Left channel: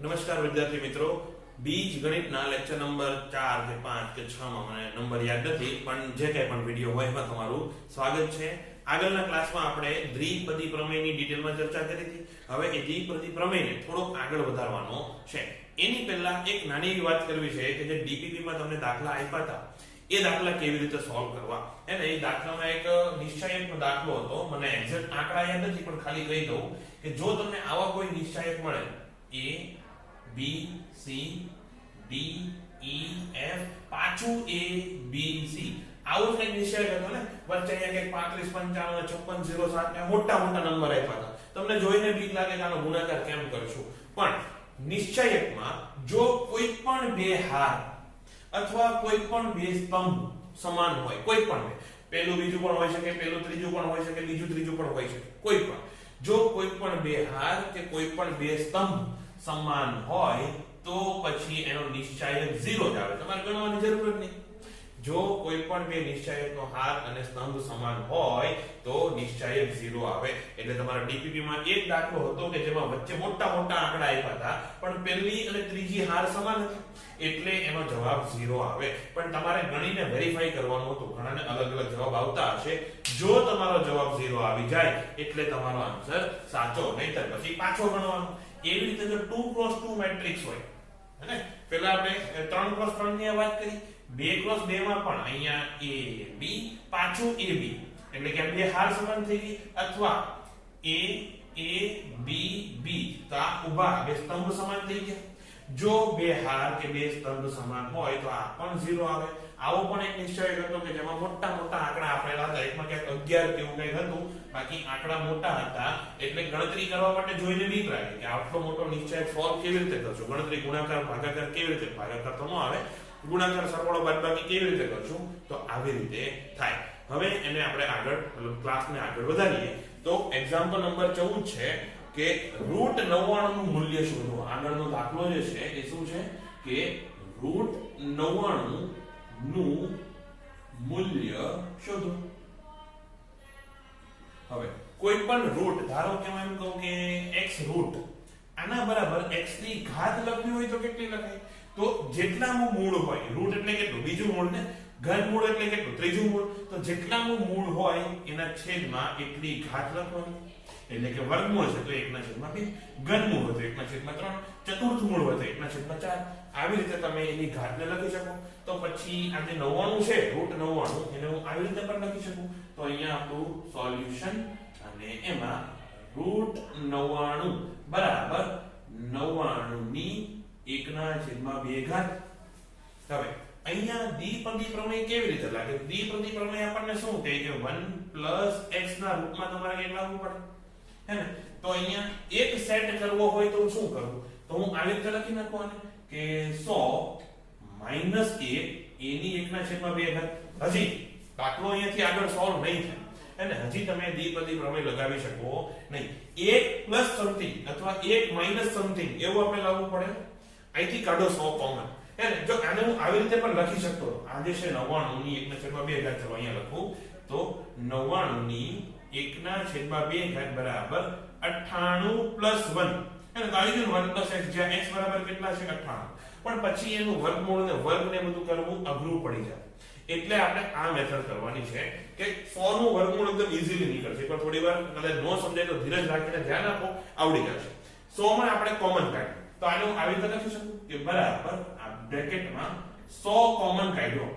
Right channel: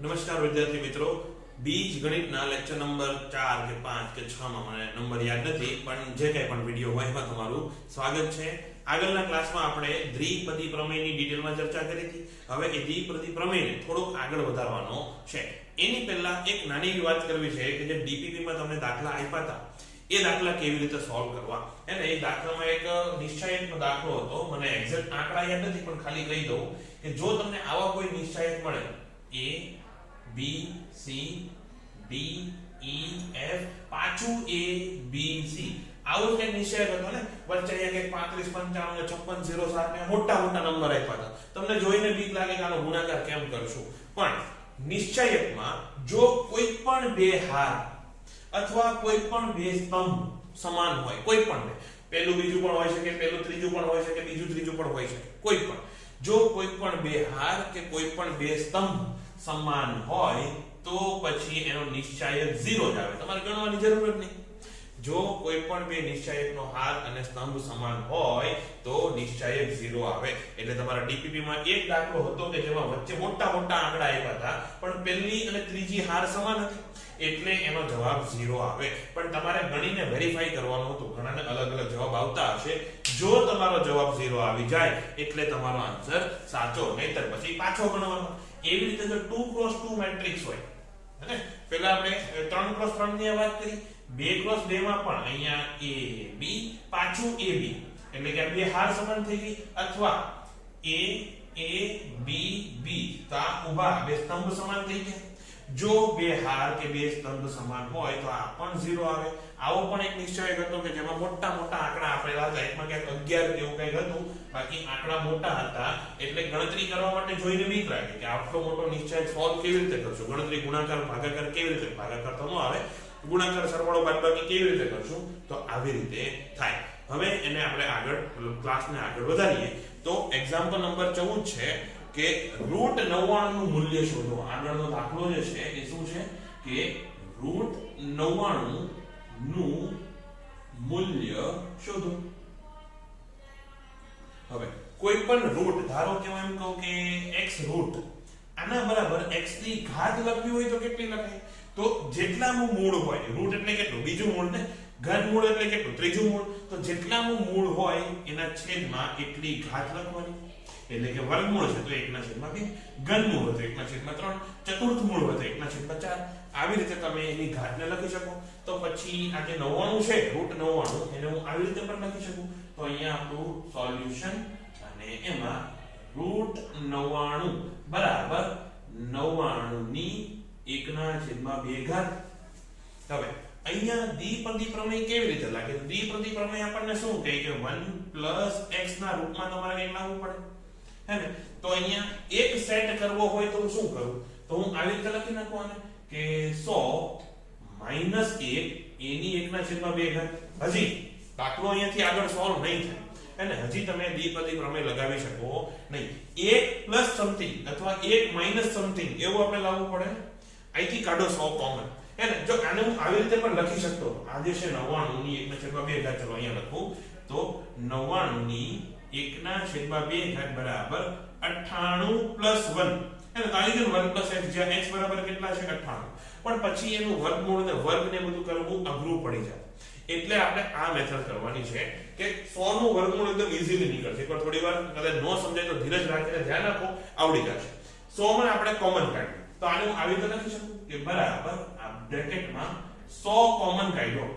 નમસ્કાર વિદ્યાર્થી મિત્રો, બીજ ગણિતના લેક્ચર નંબર 4 કે 5 કે 6 માં મને નંબર યાદ નથી, પણ જે કંઈ પણ વિડિયો હોય એમાં તમારું સ્વાગત છે. આગળના ક્લાસમાં આપણે દ્વિપદી પ્રમેયની ડિટેલમાં ચર્ચા કરી હતી. હવે એ દ્વિપદી પ્રમેયને થોડુંક આગળ વધારવાનો છે. એની પહેલા એક નાની એવી વાત કરવી છે કે જે ડીપીપી માં તમને દાખલા આપ્યા હતા એ દાખલા કેવી રીતે સોલ્વ કરવા. એને એ દાખલામાં એક નિશ્ચયાંકનો દાખલો હતો, મને એક્ઝેક્ટ આંકડા યાદ નથી પણ ખાલી કહી દઉં કે જો તમને આવા કોઈ નિશ્ચયાંક મળે a b c d e f પાછું a b c આવું કંઈક નિશ્ચયાંક હતો ને, વચ્ચે અહીંયા કંઈક 35 55 56 07 ને મોટા મોટા નંબર આપ્યા હતા. તમને જોઈને બીક લાગે કે આનો ગુણાકાર કેમ કરશું, પણ નિશ્ચયાંકમાં જો કોઈ પણ બે હાર અથવા કોઈ પણ બે સ્તંભ સમાન હોય, કોઈ પણ બે, પહેલું બીજું પણ હોઈ શકે, પહેલું ત્રીજું પણ હોઈ શકે, બીજું ત્રીજું પણ હોઈ શકે, કોઈ પણ, જો કોઈ પણ બે હાર કે કોઈ પણ બે સ્તંભ સમાન હોય તો પછી એનો નિશ્ચયાંક 0 જ આવે. તમારે ગણવાની જરૂર જ નહીં. જો કોઈ પણ બે નિશ્ચયાંકનો હાર અને સ્તંભ સમાન હોય તો નિશ્ચયાંક 0 આવે. એટલે તમારા ડીપીપી માં એક દાખલો હતો કે જેમાં વચ્ચે મોટા મોટા આંકડા આપ્યા હતા પણ પહેલી અને ત્રીજી હાર સમાન હતી એટલે એનો જવાબ 0 આવે. પણ તમારે ગણીને વેરીફાઈ કરવાનું હતું. ઘણાને અલગ અલગ જવાબ આવતા હશે. જો તમારો જવાબ 0 આવી જાય એટલે તમારો આન્સર સાચો, નહીતર પછી પાછો ગણવાનો. એવી રીતે જો 2x2 મેટ્રિક્સ હોય, હે, પહેલા આપણે 3x3 ની વાત કરી, 2x2 માં પણ અહીંયા a b પાછું a b, એટલે કે બે હાર સમાન થઈ ગઈ, અથવા a b b તો આ ઊભા બે સ્તંભ સમાન થઈ ગયા. જો બે હાર કે બે સ્તંભ સમાન હોય તો આ પણ 0 આવે. આવો પણ એક નિશ્ચયાંક હતો કે જેમાં મોટા મોટા આંકડા આપેલા હતા, એકમાં ક્યાંક 11 કે એવું કંઈક હતું, બાકી આંકડા મોટા હતા એટલે ગણતરી કરવા માટે જોઈને બીક લાગે કે આટલો મોટો નિશ્ચયાંક સોલ્વ કેવી રીતે કરશું, ગણતરી ગુણાકાર ભાગાકાર કેવી રીતે, ભાગાકાર તો ન આવે, ગુણાકાર સરવાળો બાદબાકી કેવી રીતે કરશું, તો આવી રીતે થાય. હવે એને આપણે આગળ ક્લાસને આગળ વધારીએ તો એક્ઝામ્પલ નંબર 14 છે કે √99 નું મૂલ્ય શોધો. આગળનો દાખલો જે છે એ શું છે કે √99 નું મૂલ્ય શોધો. હવે કોઈ પણ રૂટ, ધારો કે હું એમ કહું કે x રૂટ આના બરાબર x ની ઘાત લખવી હોય તો કેટલી લખાય? તો જેટલાનું મૂળ હોય, રૂટ એટલે કેટલું, બીજું મૂળ ને, ઘનમૂળ એટલે કેટલું, ત્રીજું મૂળ, તો જેટલાનું મૂળ હોય એના છેદમાં એટલી ઘાત લખવાની. એટલે કે વર્ગમૂળ છે તો 1/2, ઘનમૂળ હોય તો 1/3, ચતુર્થ મૂળ હોય તો 1/4. આવી રીતે તમે એની ઘાતને લખી શકો. તો પછી આ જે 99 છે, √99, એને હું આવી રીતે પણ લખી શકું. તો અહીંયા આપણું સોલ્યુશન, અને એમાં √99 બરાબર 99 ની 1/2 ઘાત. હવે અહીંયા દ્વિપદી પ્રમેય કેવી રીતે લાગે? દ્વિપદી પ્રમેય આપણને શું કહે કે 1 x ના રૂપમાં તમારે એ લાવવું પડે, હે ને? તો અહીંયા એક સેટ કરવો હોય તો હું શું કરું? તો હું આવી રીતે લખી નાખું કે 100 - 1 એની 1/2 ઘાત. હજી દાખલો અહીંયાથી આગળ સોલ્વ નહીં થાય, અને હજી તમે દ્વિપદી પ્રમેય લગાવી શકો નહીં. 1 + સમથિંગ અથવા 1 - સમથિંગ એવું આપણે લાવવું પડે. અહીંથી કાઢો 100 કોમન, હે ને? જો આને હું આવી રીતે પણ લખી શકતો, આ જે છે 99 ની 1/2 ઘાત, ચલો અહીંયા લખું તો 99 ની 1/2 ઘાત બરાબર 98 + 1, હે ને? તો આવી ગયું 1 + x, જ્યાં x બરાબર કેટલા છે? 98. પણ પછી એનું વર્ગમૂળ ને વર્ગ ને બધું કરવું અઘરું પડી જાય. એટલે આપણે આ મેથડ કરવાની છે કે 100 નું વર્ગમૂળ એકદમ ઈઝીલી નીકળશે. એકવાર થોડી વાર કદાચ ન સમજાય તો ધીરજ રાખીને ધ્યાન આપો, આવડી જશે. 100 માં આપણે કોમન કાઢીએ તો આને હું આવી રીતે લખી શકું કે બરાબર આ બ્રેકેટમાં 100 કોમન કાઢ્યો.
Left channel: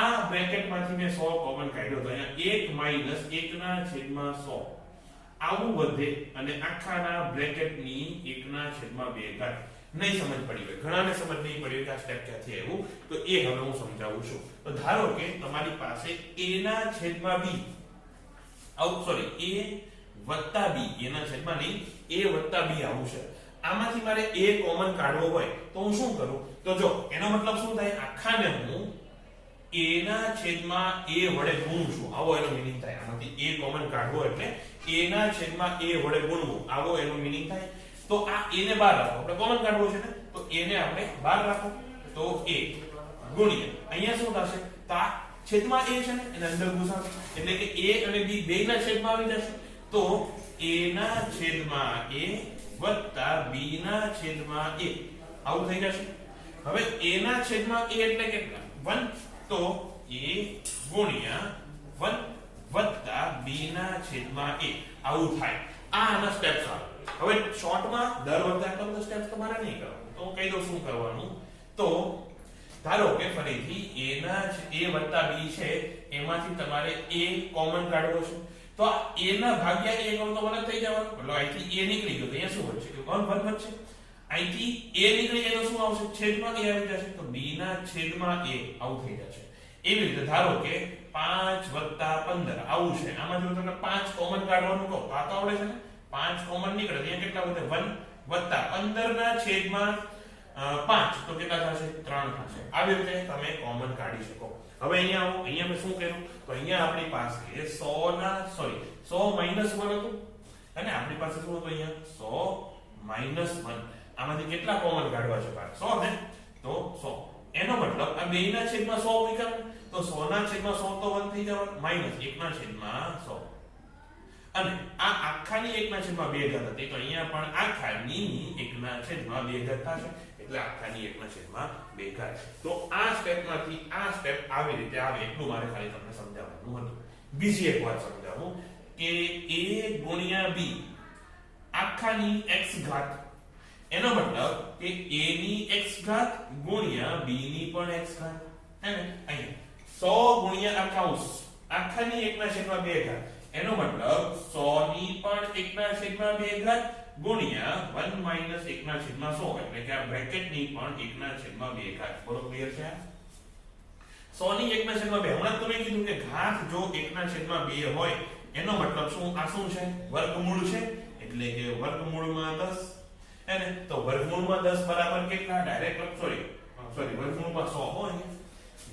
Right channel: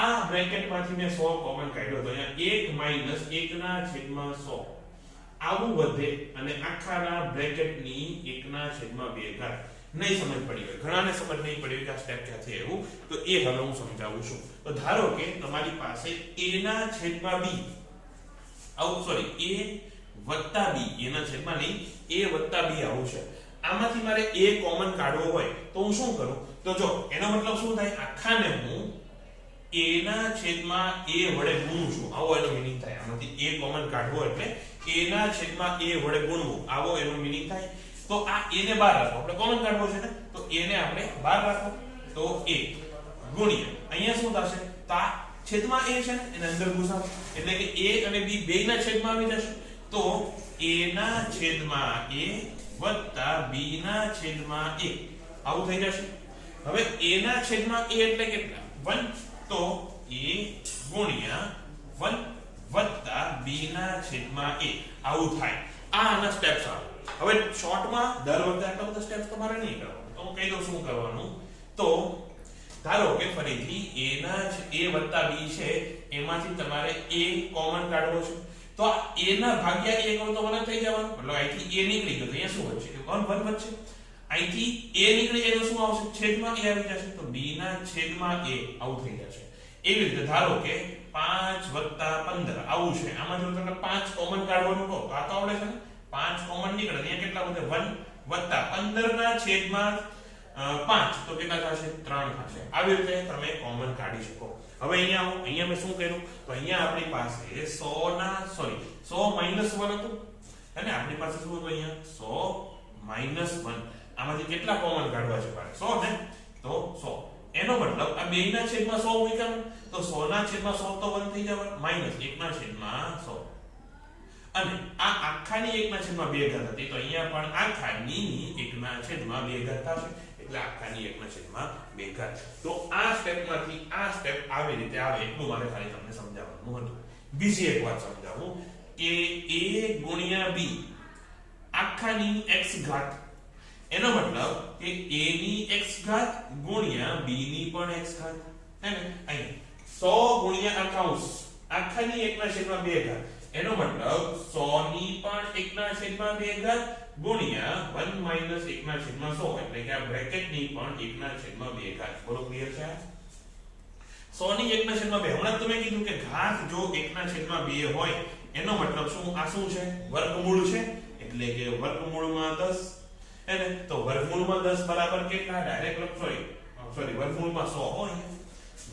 આ બ્રેકેટમાંથી મેં 100 કોમન કાઢ્યો તો અહીંયા 1 - 1/100 આવું વધે, અને આખાના બ્રેકેટની 1/2 ઘાત. નહીં સમજ પડી હોય, ઘણાને સમજ નહીં પડી હોય કે આ સ્ટેપ ક્યાંથી આવ્યું, તો એ હવે હું સમજાવું છું. તો ધારો કે તમારી પાસે a/b આવું, સોરી, a + b, a/b આવું છે. આમાંથી મારે a કોમન કાઢવો હોય તો હું શું કરું? તો જો એનો મતલબ શું થાય, આખાને હું a/a વડે ગુણું છું, આવો એનો મીનિંગ થાય. આમાંથી a કોમન કાઢવો એટલે a/a વડે ગુણવું, આવો એનો મીનિંગ થાય. તો આ a ને બહાર રાખો, આપણે કોમન કાઢવો છે ને, તો a ને આપણે બહાર રાખો, તો a ગુણ્યા અહીંયા શું થશે? તો આ છેદમાં a છે ને, એને અંદર ઘુસાડો, એટલે કે a અને b બેયના છેદમાં આવી જશે. તો a/a વત્તા b ના છેદમાં a આવું થઈ જશે. હવે a ના છેદમાં a એટલે કેટલા? 1. તો a ગુણ્યા 1 વત્તા b ના છેદમાં a આવું થાય. આ આના સ્ટેપ્સ આવે. હવે શોર્ટમાં દર વખતે આટલા બધા સ્ટેપ્સ તમારે નહીં કરવાનું. તો હું કહી દઉં શું કરવાનું. તો ધારો કે ફરીથી a ના a વત્તા b છે, એમાંથી તમારે a કોમન કાઢવો છે. તો આ a ના ભાગ્યા a કરો તો મને થઈ જવાનું, મતલબ અહીંથી a નીકળી ગયો તો અહીંયા શું વધશે? 1 વધશે. અહીંથી a નીકળી જાય તો શું આવશે? છેદમાં a આવી જશે. તો b ના છેદમાં a આવું થઈ જશે. એવી રીતે ધારો કે 5 વત્તા 15 આવું છે. આમાં જો તમને 5 કોમન કાઢવાનું કહો તો આ તો આવડે છે ને. 5 કોમન નીકળે ત્યાં કેટલા વધે? 1 વત્તા 15 ના છેદમાં 5 તો કેટલા થશે? 3 થશે. આવી રીતે તમે કોમન કાઢી શકો. હવે અહીંયા આવો. અહીંયા મેં શું કર્યું? તો અહીંયા આપણી પાસે 100 ના 100 માઈનસ 1 હતું અને આપણી પાસે શું હતું? અહીંયા 100 1. આમાંથી કેટલા કોમન કાઢવા છે? 100 ને. તો 100 એનો મતલબ આ બે ના છેદમાં 100 મૂક્યા તો 100 ના છેદમાં 100 તો 1 થઈ જવાનું, માઈનસ 1 ના છેદમાં 100. અને આ આખાની 1 ના છેદમાં 2 ઘાત હતી તો અહીંયા પણ આખાની 1 ના છેદમાં 2 ઘાત થશે. એટલે આખાની 1 ના છેદમાં 2 ઘાત. તો આ સ્ટેપમાંથી આ સ્ટેપ આવી રીતે આવે એટલું મારે ખાલી તમને સમજાવવાનું હતું. બીજી એક વાત સમજાવું કે a ગુણ્યા b આખાની x ઘાત, એનો મતલબ કે a ની x ઘાત ગુણ્યા b ની પણ x ઘાત. હે ને? અહીં 100 ગુણ્યા આ કૌંસ આખાની 1 ના છેદમાં 2 ઘાત, એનો મતલબ 100 ની પણ 1 ના છેદમાં 2 ઘાત ગુણ્યા 1 માઈનસ 1 ના છેદમાં 100 એટલે કે આ બ્રેકેટ ની પણ 1 ના છેદમાં 2 ઘાત. બોલો ક્લિયર છે? 100 ની 1 ના છેદમાં 2. હમણાં તમે કીધું કે ઘાત જો 1 ના છેદમાં 2 હોય એનો મતલબ શું? આ શું છે? વર્ગમૂળ છે. એટલે કે વર્ગમૂળમાં 10. એને તો વર્ગમૂળમાં 10 બરાબર કેટલા? ડાયરેક્ટ સોરી વર્ગમૂળમાં 100 હોય.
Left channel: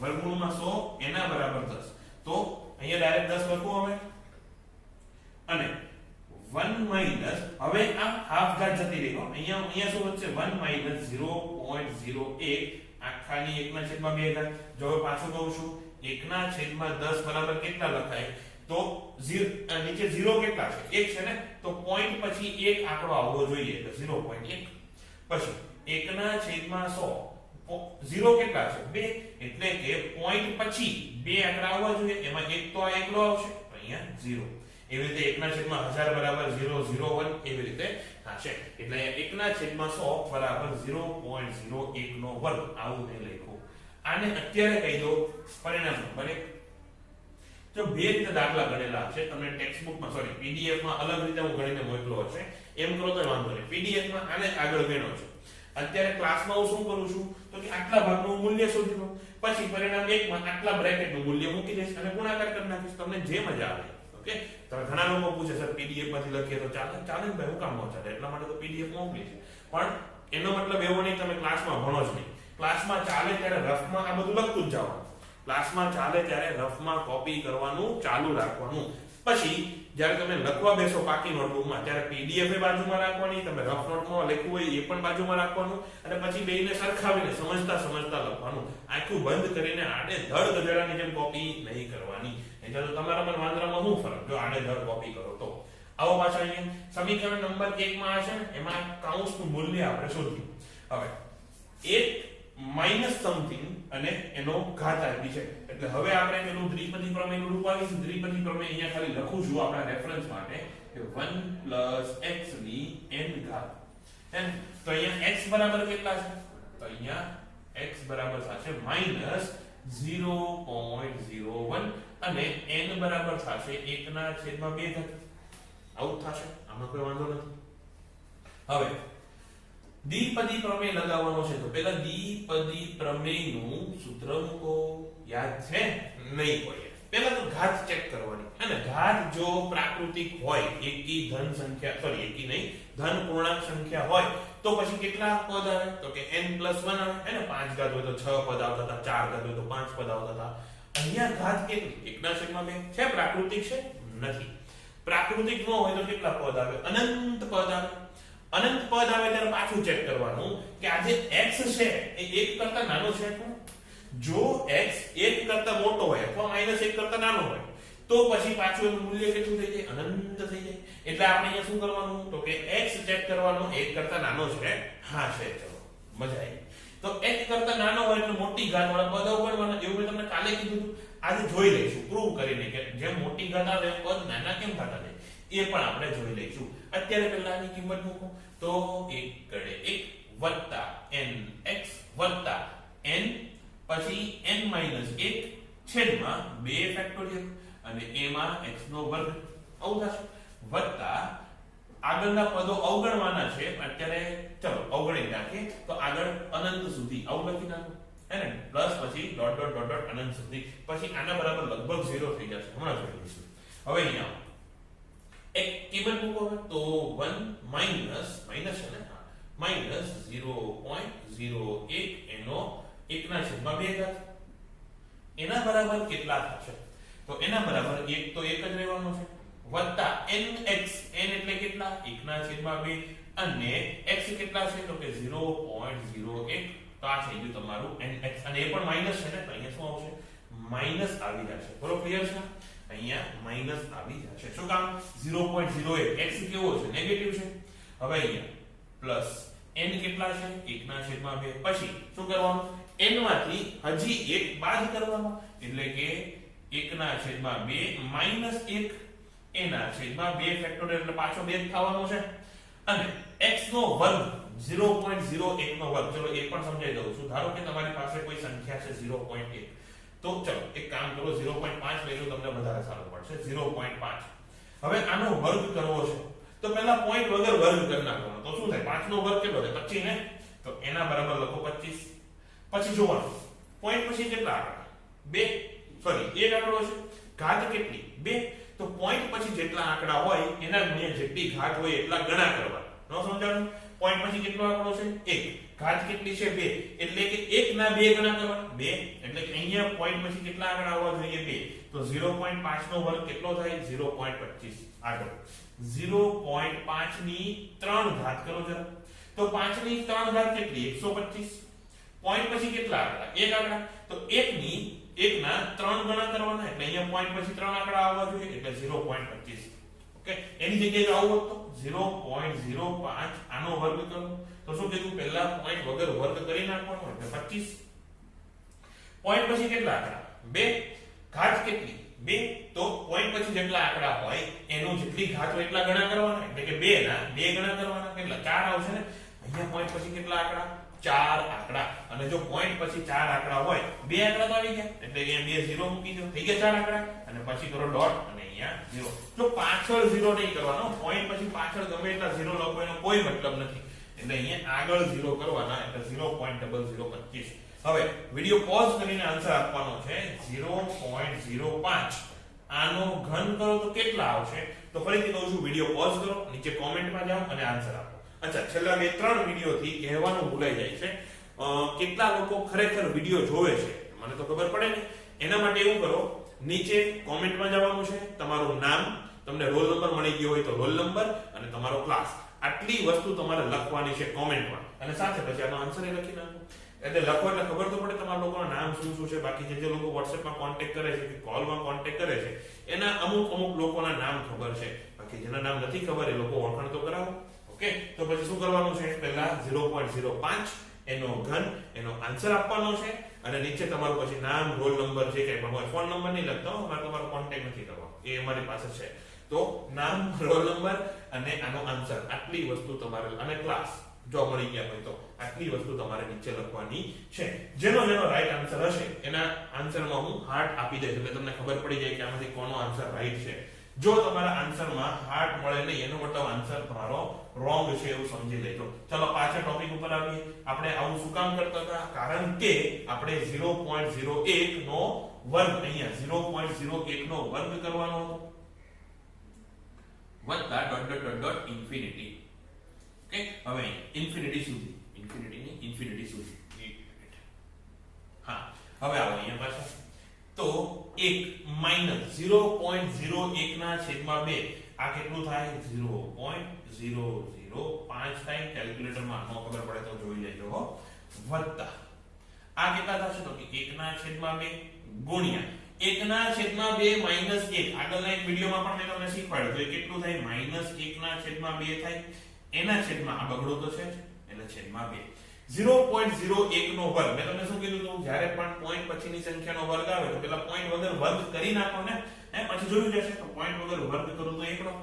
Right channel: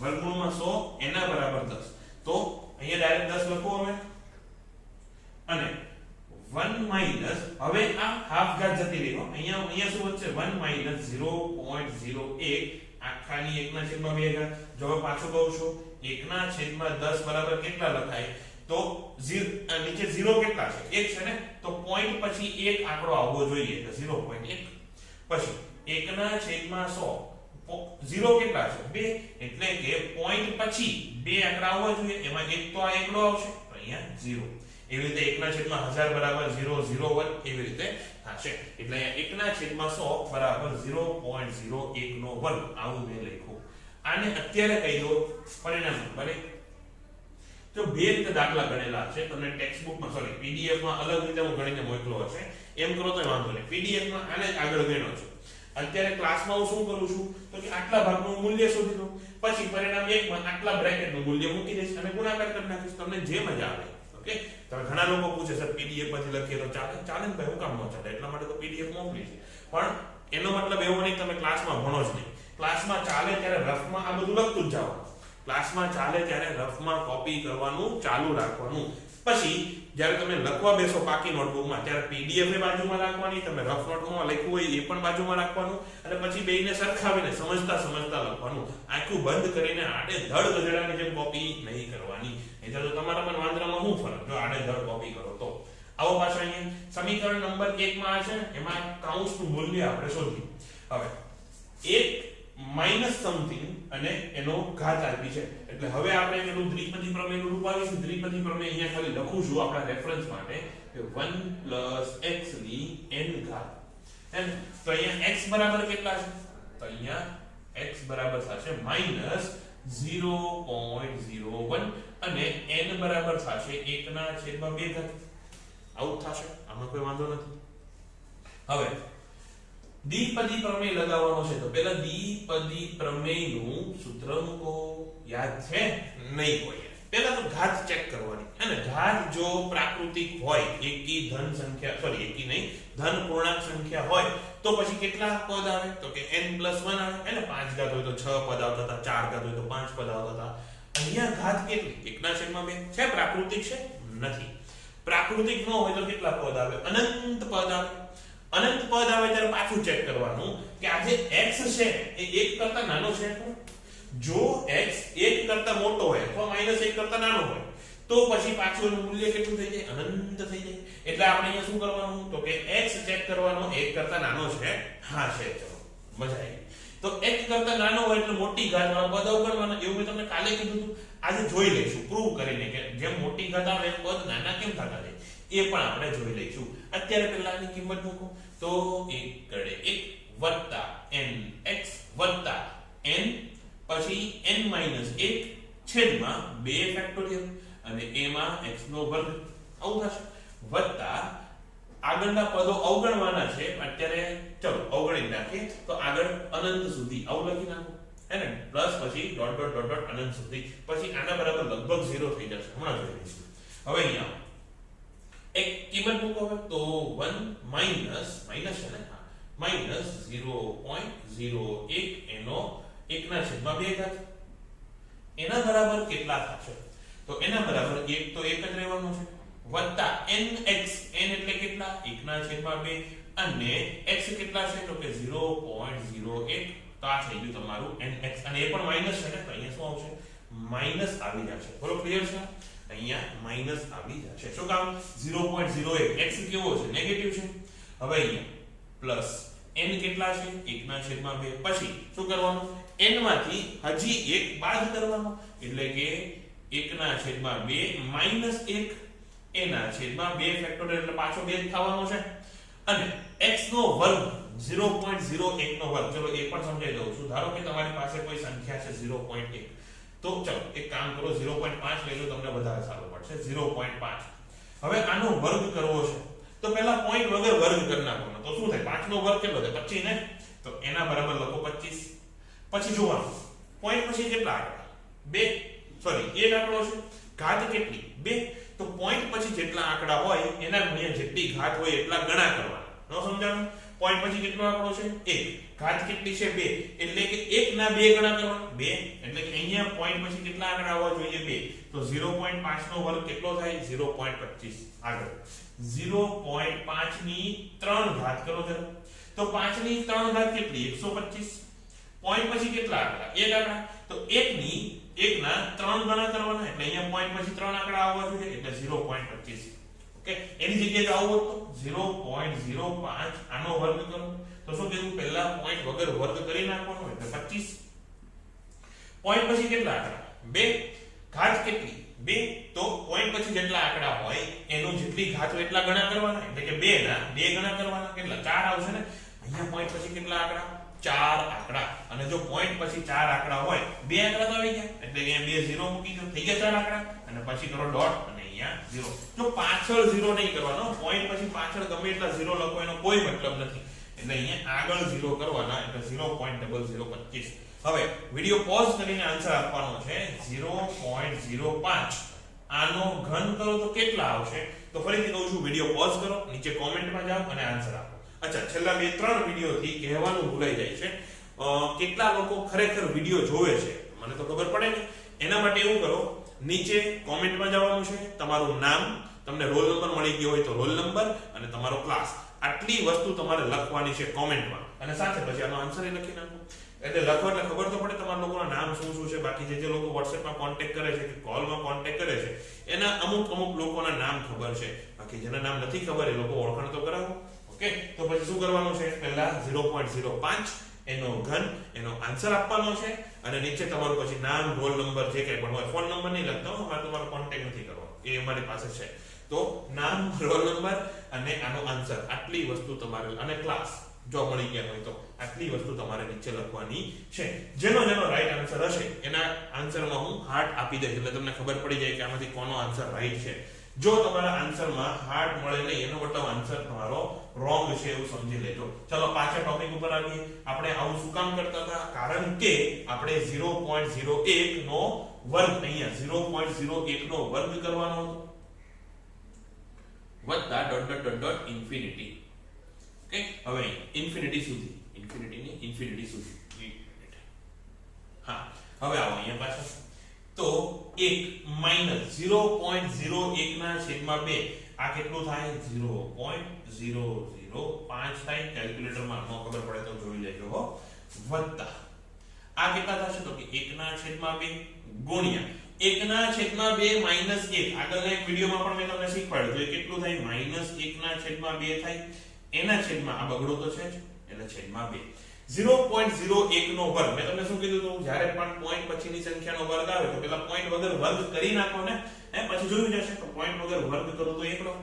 વર્ગમૂળમાં 100 એના બરાબર 10. તો અહીંયા ડાયરેક્ટ 10 લખો હવે. અને 1 માઈનસ હવે આ હાફ ઘાત જતી રહી. અહીંયા શું વધશે? 1 માઈનસ 0.01 આખાની 1 ના છેદમાં 2 ઘાત. જો હવે પાછું કહું છું 1 ના છેદમાં 10 બરાબર કેટલા લખાય? તો નીચે 0 કેટલા છે? 1 છે ને. તો પોઈન્ટ પછી એક આંકડો આવવો જોઈએ તો 0.1. પછી 1 ના છેદમાં 100 0 કેટલા છે? 2. એટલે કે પોઈન્ટ પછી બે આંકડા આવવા જોઈએ. એમાં એક તો આ એકડો આવશે તો અહીંયા 0. એવી રીતે 1 ના છેદમાં 1000 બરાબર 0.01 એવી રીતે થશે. એટલે અહીંયા 1 ના છેદમાં 100 બરાબર 0.01 નો વર્ગ આવું મેં લખ્યું. આને અત્યારે કહી દો પરિણામ નંબર 1. જો બે રીતે દાખલા ગણેલા છે, તમને ટેક્સ્ટ બુકમાં સોરી પીડીએફ માં અલગ રીતે હું ગણીને મોકલો હશે. એમ કરો તો વાંધો નહીં. પીડીએફ માં આને આગળ ગણ્યો છે. અત્યારે ક્લાસમાં હું શું કરું છું તો કે આટલા ભાગનું મૂલ્ય શોધી લઉં, પછી પરિણામ 1 માં આટલા બ્રેકેટનું મૂલ્ય મૂકી દઈશ અને ગુણાકાર કરી નાખીશ. તમને જે મજા આવે. ઓકે? તો ઘણા લોકો પૂછે સર પીડીએફ માંથી લખીએ તો ચાલે? ચાલે ને ભાઈ, હું કામ ન ચાલે? એટલા માટે તો પીડીએફ મોકલી છે. પણ એનો મતલબ એવો નહીં તમે ક્લાસમાં ભણો જ નહીં. ક્લાસમાં ચાલે ત્યારે રફમાં આ બધું લખતું જ જવાનું. ક્લાસમાં ચાલે ત્યારે રફમાં કોપી કરવાનું ચાલુ રાખવાનું. પછી જ્યારે તમે લખવા બેસો પાકી નોટબુકમાં ત્યારે પીડીએફ એ બાજુમાં રાખવાની, તમે રફ નોટમાં લખ્યું હોય એ પણ બાજુમાં રાખવાનું અને પછી બેયને સરખાવીને સમજતા લખવાનું. આખું બંધ કરીને આડે ધડ ગધેડાની જેમ કોપી નહીં કરવાની. એટલે તો તમારા મન વાંદરામાં શું ફરક જો આડે ધડ કોપી કરો તો. આવો પાછા અહીંયા સમીકરણ નંબર 1 માં છે એમાં કૌંસનું મૂલ્ય આપણે શોધ્યું. હવે 1 માઈનસ સમથિંગ અને એનો ઘાત આપી છે. એટલે હવે આપણે પેલું દ્વિપદી પ્રમેયનું રૂપ આવીશું. દ્વિપદી પ્રમેય અહીંયા ખાલી લખું છું આપણા રેફરન્સ માટે કે 1 x ની n ઘાત. એમ તો અહીંયા x બરાબર કેટલા છે? તો અહીંયા x બરાબર થશે -0.01 અને n બરાબર થશે 1 ના છેદમાં 2 ઘાત. આવું થશે. આમાં કોઈ વાંધો નથી. હવે દ્વિપદી પ્રમેય લગાવવાનો છે તો પહેલા દ્વિપદી પ્રમેયનું સૂત્ર મૂકો. યાદ છે? નહીં હોય. પહેલા તો ઘાત ચેક કરવાની. અને ઘાત જો પ્રાકૃતિક હોય, એકી ધન સંખ્યા સોરી એકી નહીં ધન પૂર્ણાંક સંખ્યા હોય તો પછી કેટલા પદ આવે? તો કે n+1 આવે. એને 5 ઘાત હોય તો 6 પદ આવતા હતા, 4 ઘાત હોય તો 5 પદ આવતા હતા. અહીંયા ઘાત કેટલી? 1/2 છે. પ્રાકૃતિક છે? નથી. પ્રાકૃતિક ન હોય તો કેટલા પદ આવે? અનંત પદ આવે. અનંત પદ આવે ત્યારે પાછું ચેક કરવાનું કે આ જે x છે એ 1 કરતા નાનો છે. જો x 1 કરતા મોટો હોય અથવા -1 કરતા નાનો હોય તો પછી પાછું એનું મૂલ્ય કેટલું થઈ જાય? અનંત થઈ જાય. એટલે આપણે અહીંયા શું કરવાનું? તો કે x ચેક કરવાનો 1 કરતા નાનો છે. હા છે. ચલો મજા આવી. તો 1 કરતા નાનો હોય એટલે મોટી ઘાત વાળા પદ અવગણવાના. એવું મેં તમને કાલે કીધું હતું. આજે જોઈ લઈશું પ્રૂવ કરીને કે જેમ મોટી ઘાત આવે એમ પદ નાના કેમ થતા જાય એ પણ આપણે જોઈ લઈશું. અત્યારે પહેલા આની કિંમત મૂકો. તો 1 ગડે 1 વત્તા nx વત્તા n પછી n - 1 છેદમાં 2 ફેક્ટોરિયલ અને એમાં x નો વર્ગ આવું થશે વત્તા આગળના પદો અવગણવાના છે અત્યારે. ચલો અવગણી નાખીએ તો આગળ અનંત સુધી આવું લખી નાખો હે ને પ્લસ પછી ડોટ ડોટ ડોટ ડોટ અનંત સુધી પછી આના બરાબર લગભગ 0 થઈ જશે. હમણાં જોઈ લઈશું. હવે અહીંયા એક કિંમત મૂકો. તો 1 માઈનસ છે ને માઈનસ 0.01 એનો 1/2 ઘાત એના બરાબર કેટલા થશે? તો એના બરાબર 1 તો 1 જ રહેવાનું છે વત્તા nx n એટલે કેટલા? 1/2 અને x કેટલા છે? તો કે 0.01. તો આ થઈ ગયું તમારું nx અને એ પણ માઈનસ છે ને તો અહીંયા શું આવશે? માઈનસ આવી જશે. બોલો ક્લિયર છે? અહીંયા માઈનસ આવી જશે. શું કામ? 0.01 x કેવો છે? નેગેટિવ છે. હવે અહીંયા પ્લસ n કેટલા છે? 1/2. પછી શું કરવાનું? n માંથી હજી એક બાદ કરવાનો એટલે કે 1/2 માઈનસ 1 એના/2 ફેક્ટોરિયલ એટલે પાછો 2 થવાનો છે અને x નો વર્ગ 0.01 નો વર્ગ. ચલો એ પણ સમજાઈ દઉં છું. ધારો કે તમારી પાસે કોઈ સંખ્યા છે 0.1 તો ચલો એક કામ કરો 0.5 લઈ લો તમને વધારે સારું પડશે. 0.5 હવે આનો વર્ગ કરવો છે તો પહેલા પોઈન્ટ વગર વર્ગ કરી નાખવાનો. તો શું થાય? 5 નો વર્ગ કેટલો થાય? 25 ને. તો એના બરાબર લખો 25. પછી જોવાનું પોઈન્ટ પછી કેટલા આંકડા? 2 સોરી 1 આંકડો છે. ઘાત કેટલી? 2. તો પોઈન્ટ પછી જેટલા આંકડા હોય એના ગુણ્યા જેટલી ઘાત હોય એટલા ગણા કરવાના. નો સમજાણું? પોઈન્ટ પછી કેટલો આંકડો છે? 1. ઘાત કેટલી છે? 2. એટલે કે 1 ના 2 ગણા કરવાના. 2 એટલે કે અહીંયા પોઈન્ટ પછી કેટલા આંકડા આવવા જોઈએ? 2. તો 0.5 નો વર્ગ કેટલો થાય? 0.25. આગળ 0.5 ની 3 ઘાત કરો જરા. તો 5 ની 3 ઘાત કેટલી? 125. પોઈન્ટ પછી કેટલા આંકડા? 1 આંકડા. તો 1 ની 1 ના 3 ગણા કરવાના એટલે અહીંયા પોઈન્ટ પછી 3 આંકડા આવવા જોઈએ એટલે 0.25. ઓકે એની જગ્યાએ જો આવું હોત તો 0.05 આનો વર્ગ કરો તો શું કીધું? પહેલા પોઈન્ટ વગર વર્ગ કરી નાખવાનો એટલે 25. પોઈન્ટ પછી કેટલા આંકડા? 2. ઘાત કેટલી? 2. તો પોઈન્ટ પછી જેટલા આંકડા હોય એનો જેટલી ઘાત હોય એટલા ગણા કરવાના એટલે કે 2 ના 2 ગણા કરવાના. કેટલા? 4 આવશે ને. અહીંયા પોઈન્ટ પછી કેટલા આંકડા? 4 આંકડા. અને જો પોઈન્ટ પછી 4 આંકડા હોય 2 આંકડા તો આવી ગયા એટલે અહીંયા 2 0 મૂકી દો. થઈ ગયા 4 આંકડા અને પછી કરો ડોટ અને અહીંયા 0. જો પાછળ 0 નહીં કરવાનો. પોઈન્ટ પછી પાછળ ગમે એટલા 0 લખો એનો કોઈ મતલબ નથી. એટલે અહીંયા આગળ 0 કરવાના એટલે 0.0025. હવે વિડિયો પોઝ કરીને આન્સર આપવાનો છે 0.05. આનો ઘન કરો તો કેટલા આવશે? તો ફરીથી કહું છું વિડિયો પોઝ કરો, નીચે કોમેન્ટમાં જાઓ અને આન્સર આપો. અચ્છા છેલ્લા બે 3 વિડિયોથી કહેવાનું ભૂલાઈ જાય છે કેટલા લોકો ખરેખર વિડિયો જોવે છે મને તો ખબર પડે નહીં. એના માટે એવું કરો નીચે કોમેન્ટમાં જવાનું છે, તમારું નામ, તમને રોલ નંબર મળી ગયો હોય તો રોલ નંબર અને તમારો ક્લાસ, આટલી વસ્તુ તમારે લખવાની છે કોમેન્ટમાં અને સાથે પછી આનો આન્સર એ લખી નાખો. એટલે લખો એટલે ખબર તો પડે તમારા લોકોના નામ શું શું છે. બાકી જે લોકો WhatsAppમાં કોન્ટેક્ટ કરે છે કે કોલમાં કોન્ટેક્ટ કરે છે એના અમુક લોકોના નામ ખબર છે, બાકી જેના નામ નથી ખબર એ લોકો ઓળખાણ તો કરાવો. ઓકે તો પછી શું કરવાનું છે? પહેલા 0.05 એનો ઘન એનો આન્સર આપવાનો છે અને નીચે તમારું પછી નામ, રોલ નંબર જે કંઈ પણ હોય, ફોન નંબર નહીં લખતા, અમારે તમારો કોન્ટેક્ટ નથી કરવાનો, એ અમારી પાસે છે. તો નામ, રોલ નંબર અને આનો આન્સર, આટલી વસ્તુ તમારે અને ક્લાસ જો મળી ગયા હોય તો આટલી વસ્તુ તમારે નીચે લખવાની છે. જેનો રાઈટ આન્સર હશે એના આન્સરમાં હું હાર્ટ આપી દઈશ એટલે તમને ખબર પડી જાય કે આમાંથી કોનો આન્સર રાઈટ છે. જો તમારા આન્સરમાં હાર્ટ મળે નહીં એનો મતલબ આન્સર તમારો રોંગ છે એવું સમજી લેજો. ચલો પાછા ટોપિક ઉપર આવીએ. આપણે આવું શું કામ કરતા હતા? કારણ કે આપણે 0.01 નો વર્ગ અહીંયા 0.01 નો વર્ગ કરવાનો હતો વત્તા dot dot dot dot infinity. Okay હવે ઇન્ફિનિટી સુધી હા હવે આવો અહીંયા પાછા. તો 1 માઈનસ 0.01 ના છેદમાં 2 આ કેટલું થાય? 0.005 થાય. કેલ્ક્યુલેટરમાં ન ખબર પડે તો જોઈ લેજો હો. વત્તા આ કેટલા થશે? તો કે 1 ના છેદમાં 2 ગુણ્યા એકના છેદમાં 2 માઈનસ 1 આગળના એક વિડિયોમાં પણ મેં તમને શીખવાડ્યું તો એ કેટલું થાય માઈનસ 1 ના છેદમાં 2 થાય એના છેદમાં આ બગડો તો છે જ એટલે છેદમાં 2 0.01 નો વર્ગ મેં તમને શું કીધું હતું જ્યારે પણ પોઈન્ટ પછીની સંખ્યાનો વર્ગ આવે તો પેલા પોઈન્ટ વગર વર્ગ કરી નાખો ને પછી જોયું જશે તો પોઈન્ટ વગર વર્ગ કરો તો એકડો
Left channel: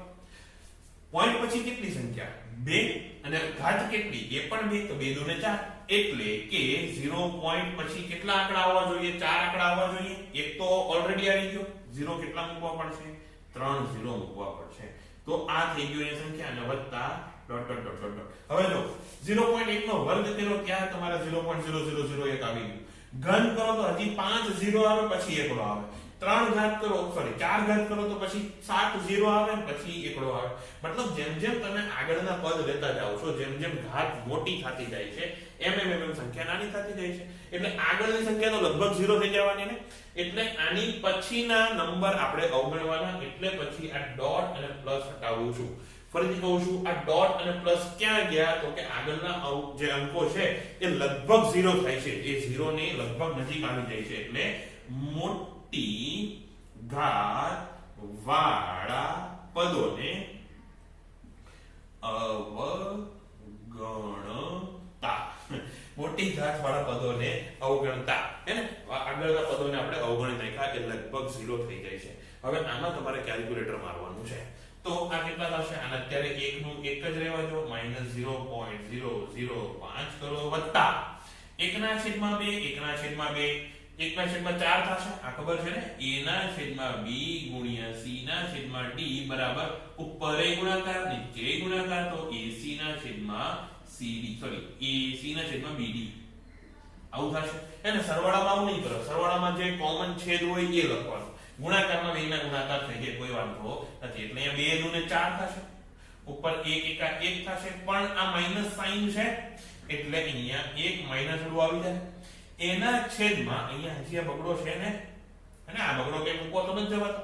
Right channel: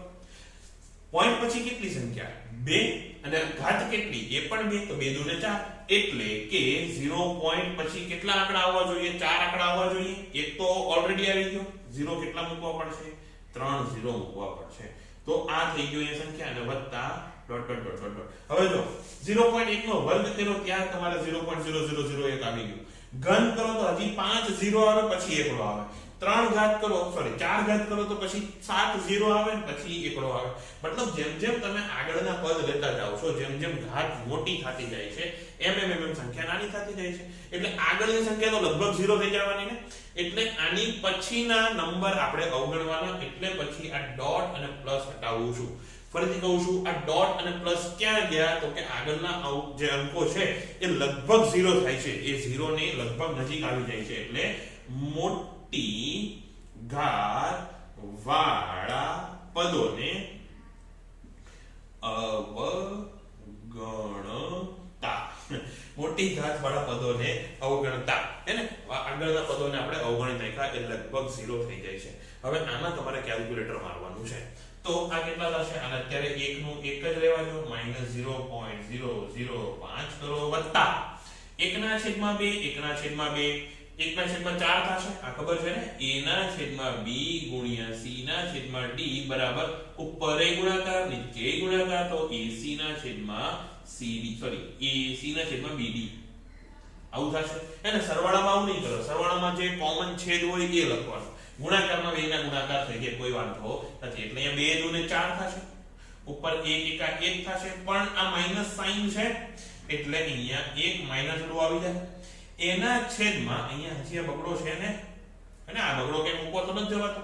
પોઈન્ટ પછી કેટલી સંખ્યા 2 અને ઘાત કેટલી એ પણ 2 તો 2 દુ ને 4 એટલે કે 0 પોઈન્ટ પછી કેટલા આંકડા આવવા જોઈએ 4 આંકડા આવવા જોઈએ એક તો ઓલરેડી આવી ગયો 0 કેટલા મૂકવા પડશે 3 0 મૂકવા પડશે તો આ થઈ ગયું એ સંખ્યા અને વત્તા ડોટ ડોટ ડોટ ડોટ હવે જો 0.1 નો વર્ગ કર્યો ત્યાં તમારે 0.0001 આવી ગયું ઘન કરો તો હજી 5 0 આવે પછી એકડો આવે 3 ઘાત કરો સોરી 4 ઘાત કરો તો પછી 7 0 આવે ને પછી એકડો આવે મતલબ જેમ જેમ તમે આગળના પદ લેતા જાવ છો જેમ જેમ ઘાત મોટી થતી જાય છે એમ સંખ્યા નાની થતી જાય છે એટલે આગળની સંખ્યા તો લગભગ 0 થઈ જવાની ને એટલે આની પછીના નંબર આપણે અવગણવાના એટલે પછી આ ડોટ અને પ્લસ હટાવું છું ફરીથી કહું છું આ ડોટ અને પ્લસ ક્યાં ગયા તો કે આગળના જે અંકો છે એ લગભગ 0 થાય છે એ 0 ને લગભગ નજીક આવી જાય છે એટલે મોટી ઘાત વાળા પદોને અવગણતા મોટી ઘાત વાળા પદોને અવગણતા હે ને આગળના પદોને આપણે અવગણી નાખ્યા એ લગભગ 0 થઈ જાય છે હવે આમાં તમારે કેલ્ક્યુલેટર મારવાનું છે તો આ કેટલા થશે અને અત્યારે 1 નું 1 જ લેવા દો -0.005 કરો વત્તા 1 ના છેદમાં 2 1 ના છેદમાં 2 1 ના છેદમાં 4 થશે આ ખબર છે ને a ના છેદમાં b ગુણ્યા c ના છેદમાં d બરાબર ઉપર એ ગુણાકાર નીચે એ ગુણાકાર તો ac ના છેદમાં cd સોરી ac ના છેદમાં bd આવું થશે એને સરવાળામાં આવું નહીં કરો સરવાળામાં જે કોમન છેદ હોય એ લખવાનું ગુણાકારમાં બે ના ગુણાકાર થઈ જાય કોઈ વાંધો નથી એટલે અહીંયા 2 દુ ને 4 થશે ઉપર 1 એકા 1 થશે પણ આ માઈનસ સાઈન છે એટલે અહીંયા 1 માઈનસ નું આવી જાય એના છેદમાં અહીંયા હજી આ બગડો છે ને અને આ બગડો કે મૂકો તો બંધ જવાતો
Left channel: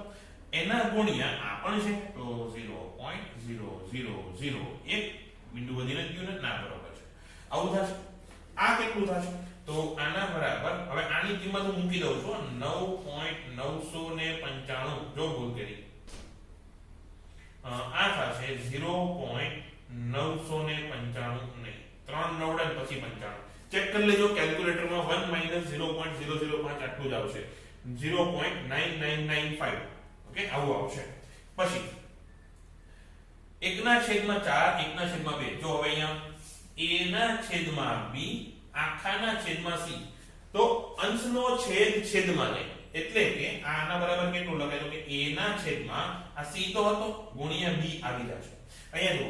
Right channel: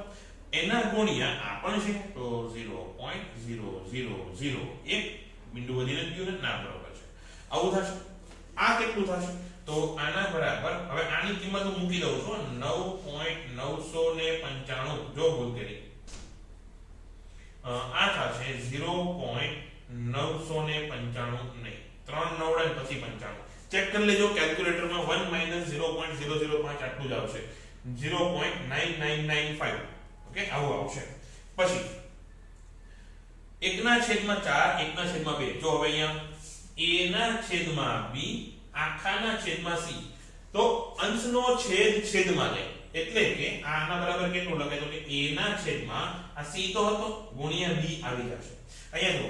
એના ગુણ્યા આ પણ છે તો 0.0001 બિંદુ વધીને ગયું ને ના બરાબર છે આવું થશે આ કેટલું થશે તો આના બરાબર હવે આની કિંમત હું મૂકી દઉં છું 9.995 જો ભૂલ કરી આ થશે 0.995 નહીં 3 નવડા પછી 95 ચેક કરી લેજો કેલ્ક્યુલેટરમાં 1 0.005 આટલું જ આવશે 0.9995 ઓકે આવું આવશે પછી 1 ના છેદમાં 4 1 ના છેદમાં 2 જો હવે અહીંયા a ના છેદમાં b આખાના છેદમાં c તો અંશનો છેદ છેદમાં લે એટલે કે આના બરાબર કેટલું લખાય તો કે a ના છેદમાં આ c તો હતો ગુણ્યા b આવી જશે અહીંયા જો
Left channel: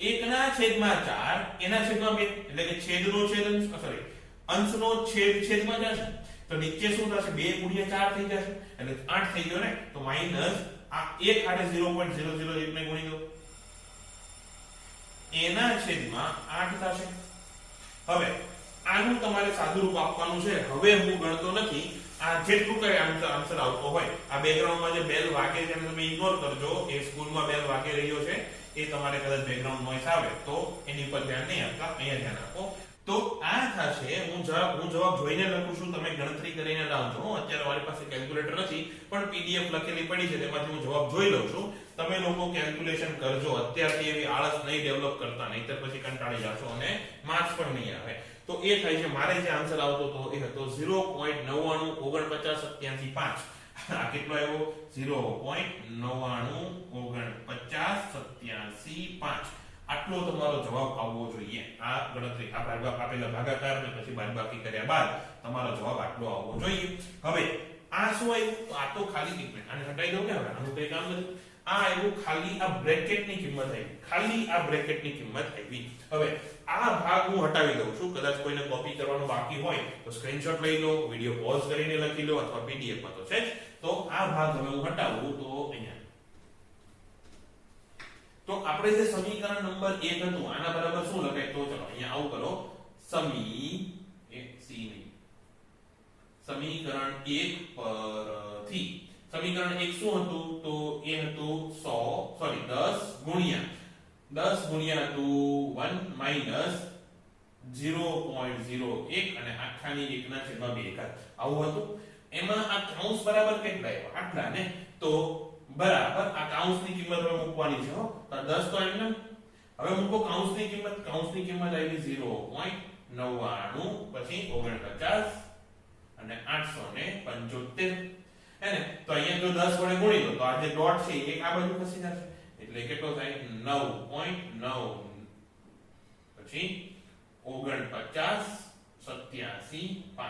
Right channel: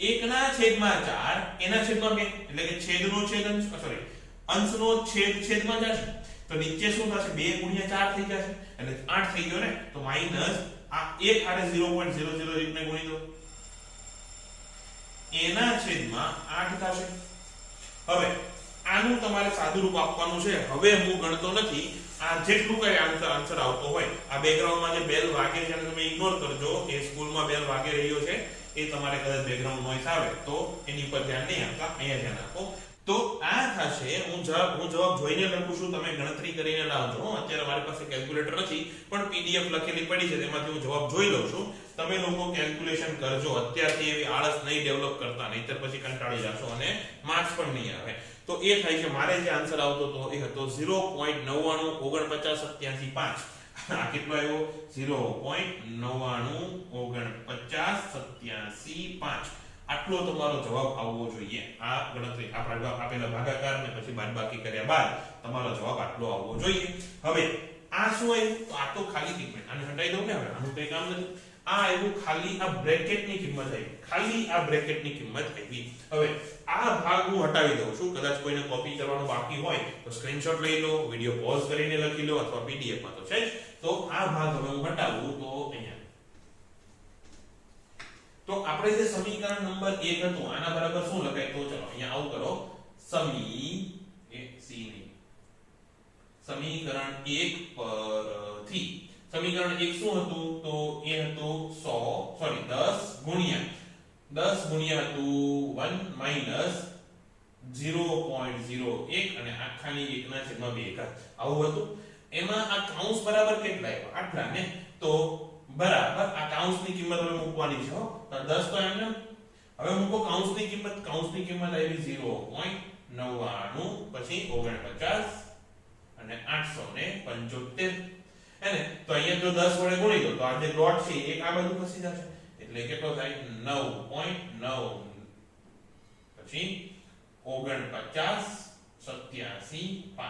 1 ના છેદમાં 4 એના છેદમાં 2 એટલે કે છેદનો છેદ સોરી અંશનો છેદ છેદમાં જશે તો નીચે શું થશે 2 ગુણ્યા 4 થઈ જશે એટલે 8 થઈ ગયો ને તો માઈનસ આ 1 હારે 0.001 ને ગુણી દો એના છેદમાં 8 થશે હવે આનું તમારે સાદું રૂપ આપવાનું છે હવે હું ગણતો નથી આ જેટલું કરે આન્સર આવતો હોય આ બેકગ્રાઉન્ડમાં જે બેલ વાગે છે એને તમે ઇગ્નોર કરજો એ સ્કૂલમાં બેલ વાગે રહ્યો છે એ તમારે કદાચ બેકગ્રાઉન્ડ નોઈસ આવે તો એની પર ધ્યાન નહીં આપતા અહીંયા ધ્યાન આપો તો આ થશે હું જવાબ જોઈને લખું છું તમે ગણતરી કરીને લાવજો અત્યારે મારી પાસે કેલ્ક્યુલેટર નથી પણ પીડીએફ લખેલી પડી છે તેમાંથી હું જવાબ જોઈ લઉં છું તમે લોકો કેલ્ક્યુલેશન કરજો અત્યારથી એવી આળસ નહીં ડેવલપ કરતા નહીતર પછી કંટાળી જશો અને માર્ક્સ પણ નહીં આવે તો એ થાય છે મારે જે આન્સર આવતો તો એ હતો 0.99498785 આ કેટલો આવ્યો 0.99498785 આટલો તમારો જવાબ આવવો જોઈએ આ ગણતરી આપેલા ભાગાકાર ને પછી બાદબાકી કર્યા બાદ તમારો જવાબ આટલો આવવો જોઈએ હવે આ શું આવ્યું તો આ તો ખાલી કિંમત આને હટાઈ દઉં ને હવે આનું કઈ કામ નથી આ આવ્યું ખાલી આ બ્રેકેટની કિંમત આવી ખાલી આ બ્રેકેટની કિંમત આવી હવે આ ભાગ હું હટાવી દઉં છું કદાચ કોઈને કોપી કરવાનું બાકી હોય તો સ્ક્રીનશોટ લઈ લો વિડિયો પોઝ કરીને લખી લો અથવા પીડીએફ માં તો છે જ તો આ ભાગ હવે હું હટાવું તો અહીંયા તો આપણે જે સમીકરણ નંબર 1 હતું આના બરાબર શું લખાય તો ચલો અહીંયા આવું કરો સમીકરણ 1 પરથી સમીકરણ 1 શું હતું તો એ હતું 10 ગુણ્યા હતું 1 માઈનસ 0.01 અને આખાની 1 ના છેદમાં 2 આવું હતું એમાં આ કૌંસ બરાબર કેટલા આવ્યા આટલા ને તો બરાબર આ કૌંસની કિંમત હવે મૂકવાની છે હો તો 10 તો એમને હવે મૂકો કૌંસની કિંમત આવી 0.99 પછી 49 અને 875 હેને તો અહીંયા જો 10 વડે ગુણી દો તો આ જે ડોટ છે એક આ બાજુ ખસી જશે એટલે કેટલો થાય 9.9 પછી 49 87 5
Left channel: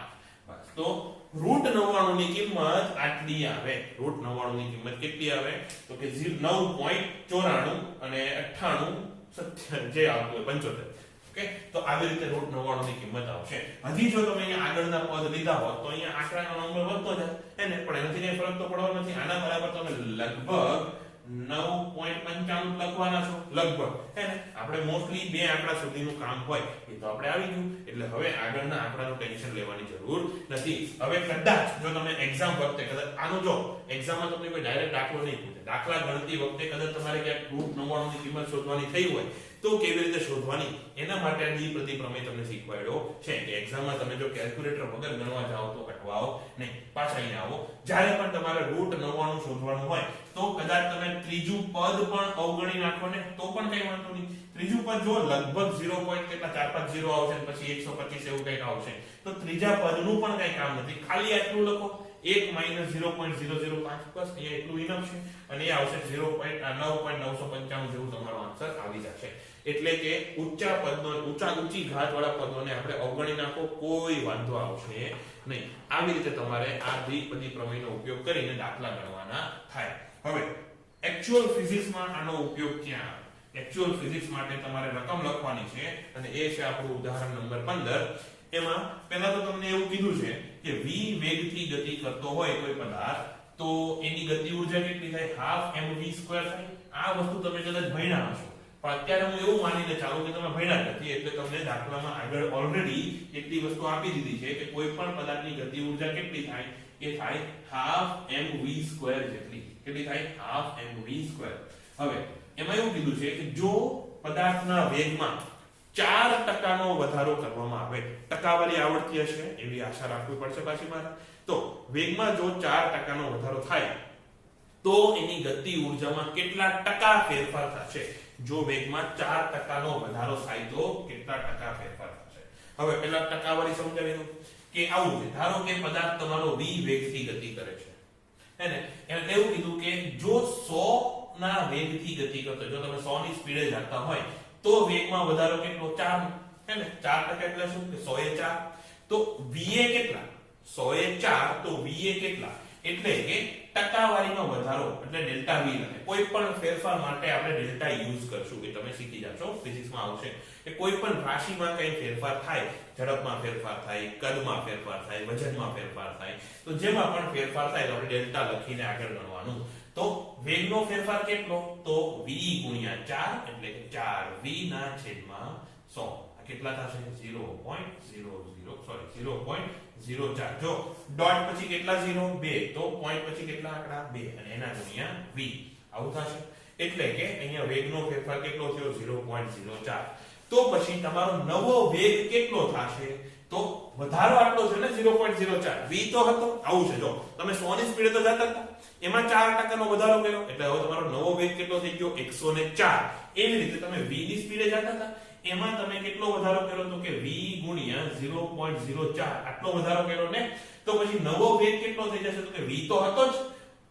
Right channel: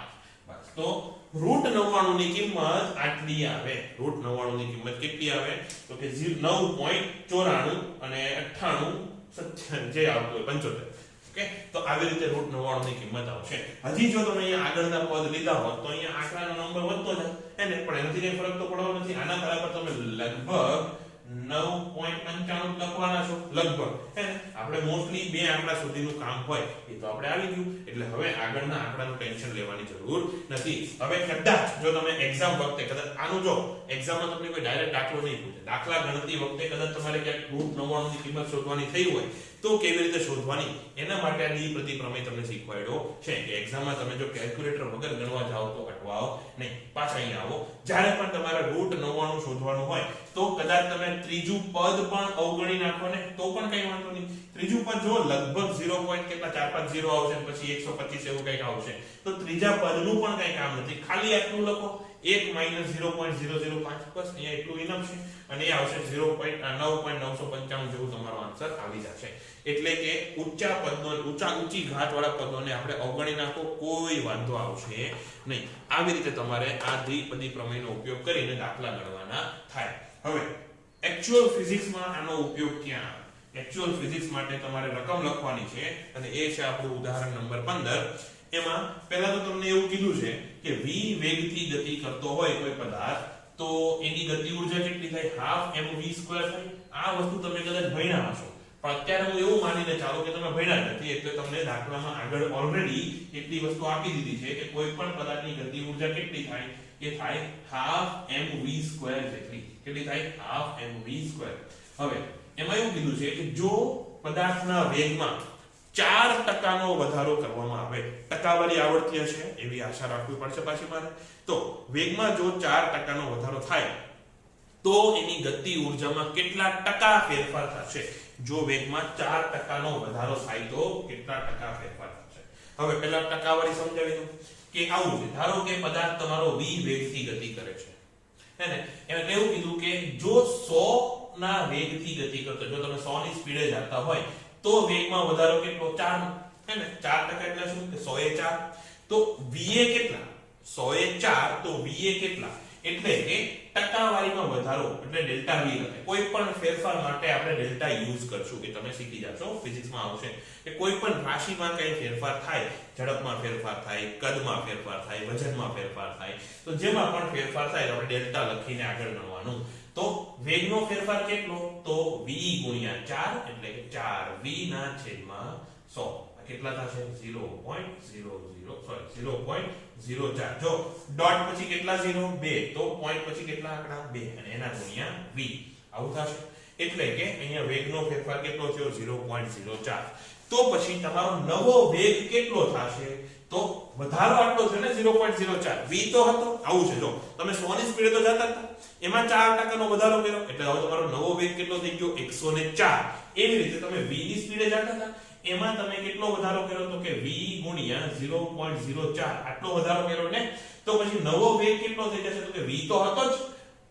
બસ તો √99 ની કિંમત આટલી આવે √99 ની કિંમત કેટલી આવે તો કે 9.94 અને 98 જે આવતું હોય 75 ઓકે તો આવી રીતે √99 ની કિંમત આવશે હજી જો તમે અહીંયા આગળના પદ લીધા હોત તો અહીંયા આંકડાનો નંબર વધતો જાય એને પણ એનાથી કઈ ફરક તો પડવાનો નથી આના બરાબર તમે લગભગ 9.95 લખવાના છો લગભગ હે ને આપણે મોસ્ટલી બે આંકડા સુધીનું કામ હોય એ તો આપણે આવી ગયું એટલે હવે આગળના આંકડાનું ટેન્શન લેવાની જરૂર નથી હવે કદાચ જો તમે એક્ઝામ વખતે કદાચ આનું જો એક્ઝામમાં તમને કોઈ ડાયરેક્ટ દાખલો નહીં પૂછે દાખલા ગણતી વખતે કદાચ તમારે ક્યાંક √99 ની કિંમત શોધવાની થઈ હોય તો કેવી રીતે શોધવાની એના માટે આ દ્વિપદી પ્રમેય તમને શીખવાડ્યો છે કે એક્ઝામમાં તમે જો કેલ્ક્યુલેટર વગર ગણવા જાઓ તો અટવાઓ નહીં પાછા અહીંયા આવો જ્યારે પણ તમારે √99 શોધવાનું હોય તો કદાચ તમે ત્રીજું પદ પણ અવગણી નાખો ને તો પણ કઈ વાંધો નહીં ત્રીજું પદ જો લગભગ 0. કેટલા 450 આવશે પછી 125 એવું કંઈક આવશે તો ત્રીજા પદનું પણ કઈ કામ નથી ખાલી આટલું લખો 1 - 0.005 બસ અહીંયા એટલું ઇનફ છે અને એ આવશે 9.995 જેવું તમારો આન્સર આવી જશે એટલે કે ઊંચી ઘાત વાળા પદોને આપણે અવગણી નાખો કોઈ વાંધો આવશે નહીં આવી રીતે તમારે આ દ્વિપદી પ્રમેયનો ઉપયોગ કરીને દાખલા ગણવાના થાય હવે એક્ચ્યુઅલ ફિઝિક્સમાં આનો ઉપયોગ ક્યાં આવે એક્ચ્યુઅલ ફિઝિક્સ માટે તમારે રકમ લખવાની છે અને એ છે આપણું ઉદાહરણ નંબર 15 એમાં પહેલા તો તમને એવું કીધું છે કે v વેગથી ગતિ કરતો હોય કોઈ પદાર્થ તો એની ગતિ ઊર્જા કેટલી થાય હાફ mv² થાય આ વસ્તુ તમે કદાચ ભણ્યા હશો પણ અત્યારે હું એવું માનીને ચાલો કે તમે ભણ્યા નથી એટલે તમને દાખલામાં આગળ ઓલરેડી એટલી વસ્તુ આપી દીધી છે કે કોઈ પણ પદાર્થની ગતિ ઊર્જા કેટલી થાય એ થાય હાફ mv² જેટલી કેટલી થાય હાફ mv². હવે એમાં એવું કીધું છે કે જો પદાર્થના વેગમાં 4% નો વધારો કરવામાં આવે ટકાવારી આવડતી હશે એવી આશા રાખવી પડશે પાછી મારે તો વેગમાં જો 4% નો વધારો થાય તો એની ગતિ ઊર્જામાં કેટલા ટકા ફેરફાર થશે જો વેગમાં 4% નો વધારો થાય તો કેટલા ટકા ફેરફાર થશે હવે પહેલા ટકાવારી સમજાવી દઉં કે આવું છે ધારો કે પદાર્થ તમારો v વેગથી ગતિ કરે છે હે ને એટલે એવું કીધું કે જો 100 ના વેગથી ગતિ કરતો જો તમે 100 ની સ્પીડે જતા હોય તો વેગમાં વધારો કેટલો 4 હે ને 4% એટલે શું કે 100 એ 4 તો v એ કેટલા 100 એ 4 તો v એ કેટલા એટલે કે ટકાવારીમાં વધારો એટલે ડેલ્ટા v લખે કોઈ પણ ફેરફાર માટે આપણે ડેલ્ટા યુઝ કરશું કે તમે શીખી જાશો ફિઝિક્સમાં આવશે કે કોઈ પણ રાશિમાં કઈ ફેરફાર થાય ઝડપમાં ફેરફાર થાય કદમાં ફેરફાર થાય વજનમાં ફેરફાર થાય તો જેમાં પણ ફેરફાર થાય આપણે ડેલ્ટા લખીને આગળ ગણવાનું તો વેગનો ફેરફાર કેટલો તો v * 4 એટલે કે 4v ના છેદમાં 100 આ કેટલા થશે 0.04 જો ડોટ પછી કેટલા 0 2 તો પોઈન્ટ પછી કેટલા આંકડા 2 અને એના ગુણ્યા v આવું થશે એટલે કે અહીંયા વેગનો ફેરફાર કેટલો થયો 0.04 તો પછી તમારો નવો વેગ કેટલો થશે તો વધારો આટલો છે ને 0.04 v તો હતો આવું છે જો તમે 100 ની સ્પીડે તો જતા હતા એમાં 4% નો વધારો કર્યો એટલે હવે તમારો નવો વેગ કેટલો થઈ ગયો 104 એવી રીતે તમે v ની સ્પીડે જતા હતા એમાં તમે કેટલો વધારો કર્યો તો કે v ગુણ્યા 0.04 આટલો વધારો કર્યો ને તો પછી નવો વેગ કેટલો થઈ જશે તો કે v તો હતો જ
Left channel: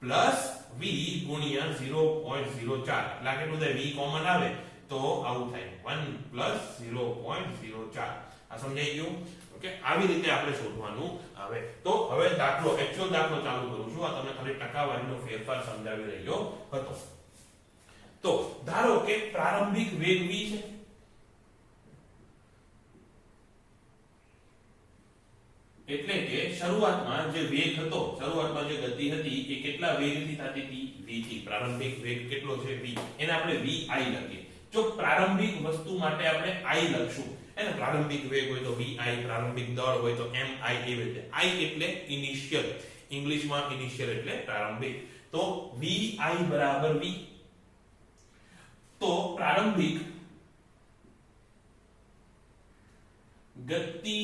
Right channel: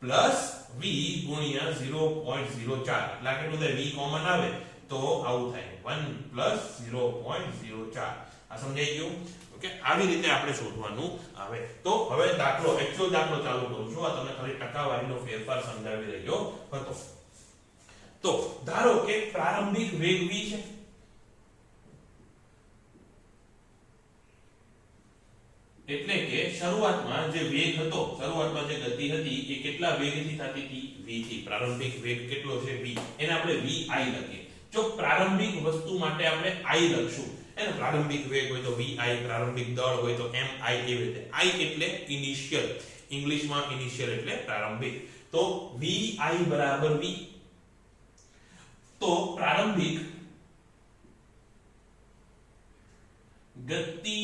પ્લસ v ગુણ્યા 0.04 એટલે કેટલું થાય v કોમન આવે તો આવું થાય 1 પ્લસ 0.04 આ સમજાઈ ગયું ઓકે આવી રીતે આપણે શોધવાનું આવે તો હવે દાખલો એક્ચ્યુઅલ દાખલો ચાલુ કરું છું આ તમને ખાલી ટકાવારીનો ફેરફાર સમજાવી રહ્યો હતો તો ધારો કે પ્રારંભિક વેગ v છે એટલે કે શરૂઆતમાં જે વેગ હતો શરૂઆતમાં જે ગતિ હતી એ કેટલા વેગથી થતી હતી v થી પ્રારંભિક વેગ કેટલો છે v એને આપણે vi લખીએ જો પ્રારંભિક વસ્તુ માટે આપણે i લખશું એને પ્રારંભિક વેગ હોય તો vi પ્રારંભિક દળ હોય તો mi એવી રીતે i એટલે ઇનિશિયલ ઇંગ્લિશમાં ઇનિશિયલ એટલે પ્રારંભિક તો vi બરાબર v તો પ્રારંભિક ગતિ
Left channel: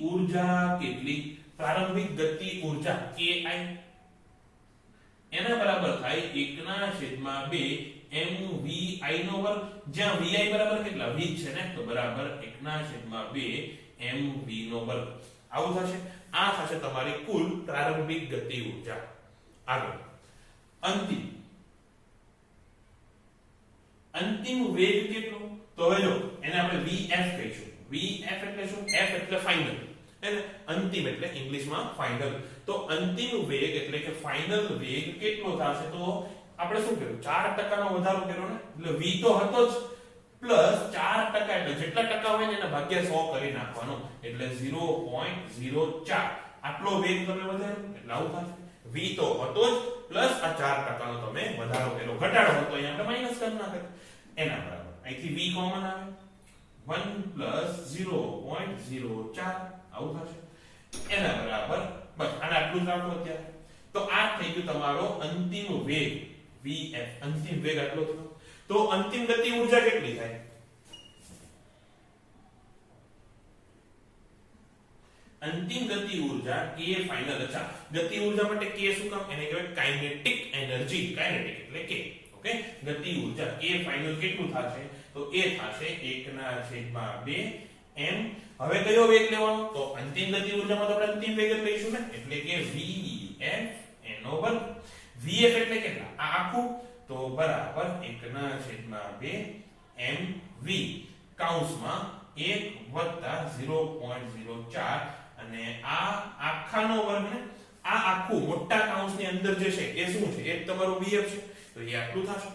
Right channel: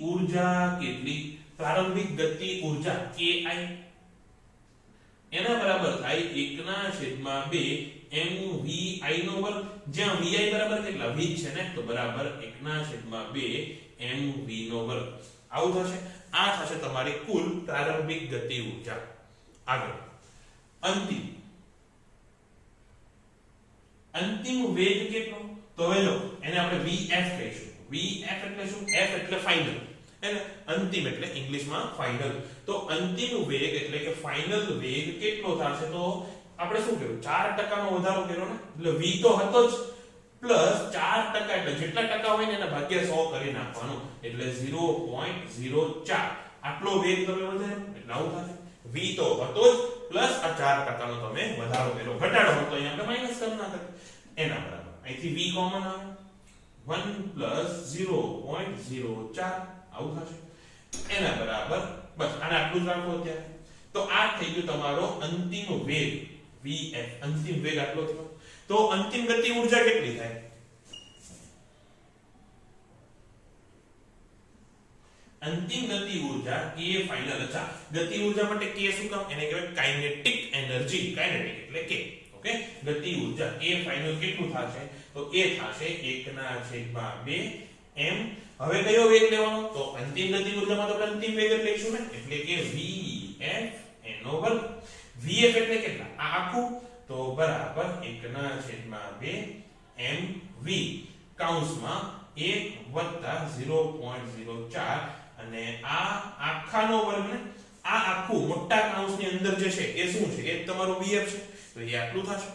ઊર્જા કેટલી પ્રારંભિક ગતિ ઊર્જા ki એના બરાબર થાય 1/2 mvi નો વર્ગ, જ્યાં vi બરાબર કેટલા v છે ને, તો બરાબર 1/2 mv નો વર્ગ. આવું થશે. આ થશે તમારી કુલ પ્રારંભિક ગતિ ઊર્જા. આગળ અંતિમ વેગ કેટલો? તો હવે જો એને આપણે vf કહીશું. vf એટલે શું? f એટલે ફાઇનલ, એટલે અંતિમ એટલે ઇંગ્લિશમાં ફાઇનલ. તો અંતિમ વેગ એટલે કે ફાઇનલ વેગ કેટલો થશે? તો આપણે શું કર્યું? 4% નો વધારો કર્યો ને, એટલે v તો હતો જ પ્લસ 4% એટલે જેટલા ટકા હોય ને એના ભાગ્યા 100 કરી નાખવાનો, એટલે 0.04 આટલો વેગ તમે વધાર્યો એટલે આવું થશે. v તો હતો જ પ્લસ આ 4% નો તમે વધારો કર્યો, ઘટાડો હતો અહીંયા આપણે માઈનસ કરી નાખત એના બરાબર. અહીંથી v કોમન આવે 1 પ્લસ 0.04 આવું થશે એના બરાબર. બસ આને આટલું જ રાખો અત્યારે. તો આ થઈ ગયું તમારો અંતિમ વેગ vf. અંતિમ વેગ આટલો થયો. તો અંતિમ ગતિ ઊર્જા કેટલી થાય? અંતિમ ગતિ ઊર્જા k ફાઇનલ. અચ્છા, ગતિ ઊર્જા માટે k શું કામ? એને કહેવાય કાઇનેટિક એનર્જી. કાઇનેટિક એટલે k. ઓકે, ગતિ ઊર્જા k ફાઇનલ કેટલું થશે? તો એ થશે 1/2 m. હવે કયો વેગ લેવાનો? તો અંતિમ ગતિ ઊર્જામાં તો આપણે અંતિમ વેગ જ લઈશું ને, એટલે કે vf એનો વર્ગ. vf એટલે કેટલા? આ આખું, તો બરાબર 1/2 mv કૌંસમાં 1+0.04 અને આ આખાનો વર્ગ ને, આ આખું મોટા કૌંસની અંદર જે છે એ શું છે? એ તમારું vf છે, તો એ આટલું થશે.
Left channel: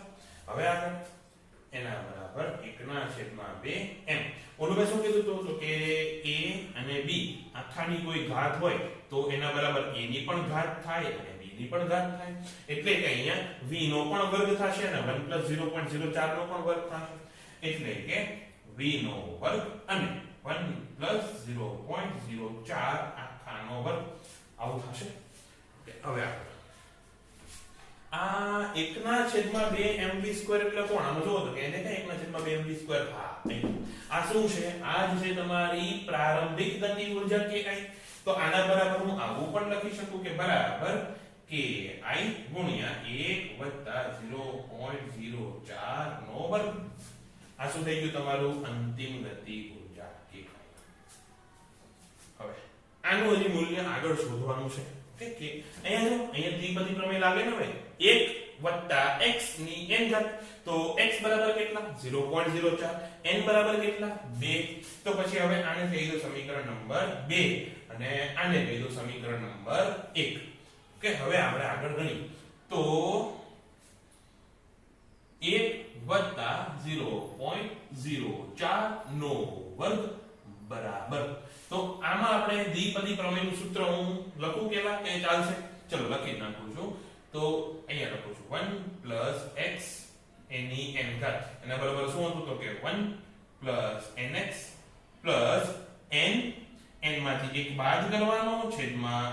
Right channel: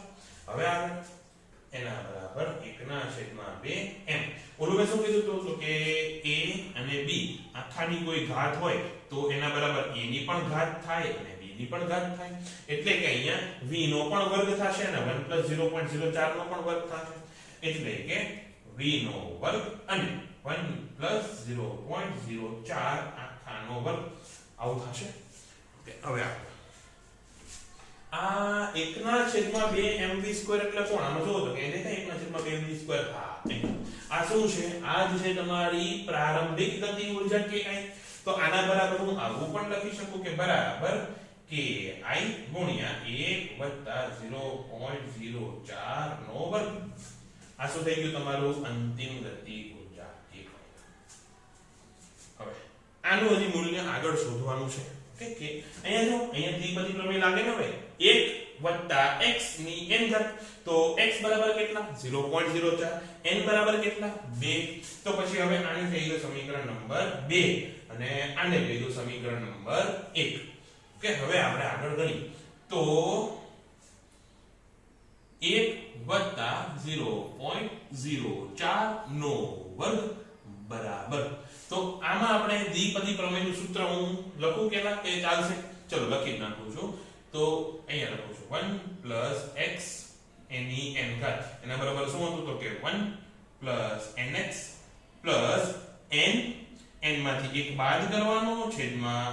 હવે આગળ એના બરાબર 1/2 m. ઓલું મેં શું કીધું તો કે a અને b આખાની કોઈ ઘાત હોય તો એના બરાબર a ની પણ ઘાત થાય અને b ની પણ ઘાત થાય, એટલે કે અહીંયા v નો પણ વર્ગ થશે અને 1+0.04 નો પણ વર્ગ થશે, એટલે કે v નો વર્ગ અને 1+0.04 આખાનો વર્ગ આવું થશે. હવે આ 1/2 mv² એટલે કોણ? આમાં જોવો તો કે દેખાય 1/2 mv². હા, આ શું છે? આ જ છે તમારી પ્રારંભિક ગતિ ઊર્જા ki. તો આના બરાબર હું આવું પણ લખી શકું કે બરાબર ki ગુણ્યા 1+0.04 નો વર્ગ. આ શું થઈ ગયું? તમારું અંતિમ ગતિ ઊર્જા ki. હવે આનું હજી મૂલ્ય આગળ શોધવાનું છે. ઓકે, કે અહીંયા જો અહીંયા દ્વિપદી પ્રમેય લાગે ને હવે 1 x ની n ઘાત. તો x બરાબર કેટલા? 0.04. n બરાબર કેટલા? 2. તો પછી હવે આને થઈ ગયું સમીકરણ નંબર 2 અને આને થઈ ગયું સમીકરણ નંબર 1. ઓકે, હવે આપણે આગળ ગણીએ તો 1+0.04 નો વર્ગ બરાબર. તો આમાં આપણે દ્વિપદી પ્રમેયનું સૂત્ર હું લખું કેલા કે ચાલશે? ચલો લખી નાખું છું. તો અહીંયા લખું છું 1 + x ની n ઘાત એના બરાબર શું હતું? તો કે 1 + nx + n. n માંથી એક બાદ કરવાનો, છેદમાં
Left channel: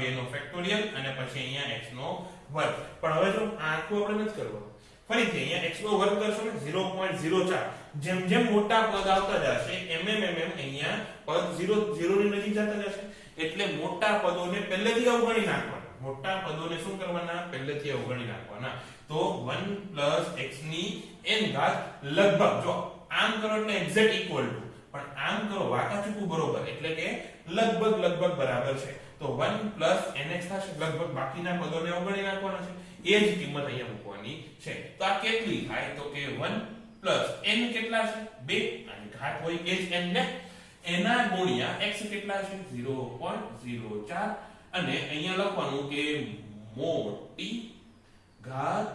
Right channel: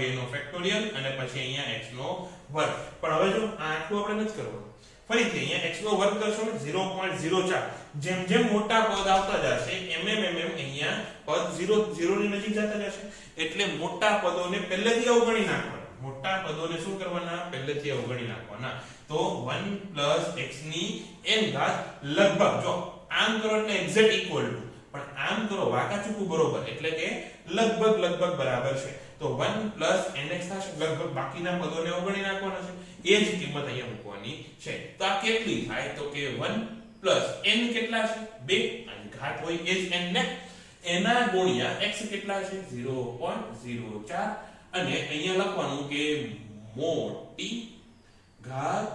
2 નો ફેક્ટોરિયલ અને પછી અહીંયા x નો વર્ગ. પણ હવે જો આ આખું આપણે નથી કરવાનું, ફરીથી અહીંયા x નો વર્ગ કરશો ને 0.04. જેમ જેમ મોટા પદ આવતા જશે એમ અહીંયા પદ 0 ની નજીક જતા જશે, એટલે મોટા પદોને પહેલેથી અવગણી નાખવાના. મોટા પદોને શું કરવાના? પહેલેથી અવગણી નાખવાના. તો 1 + x ની n ઘાત લગભગ, જો આમ કરો એટલે એક્ઝેક્ટ ઇક્વલ ટુ, પણ આમ કરો વાકાચૂકું બરોબર, એટલે કે લગભગ બરાબર છે. તો 1 + nx થશે, લગભગ બાકીના પદોને અવગણી નાખવાના છે. એ જ કિંમત અહીંયા મૂકવાની છે. તો આ કેટલી થાય? તો કે 1 + n કેટલા છે? 2 અને ઘાત હોય એ જ n ને, એના ગુણ્યા x કેટલા છે? 0.04 અને અહીંયા લખવાનું કે મોટી ઘાત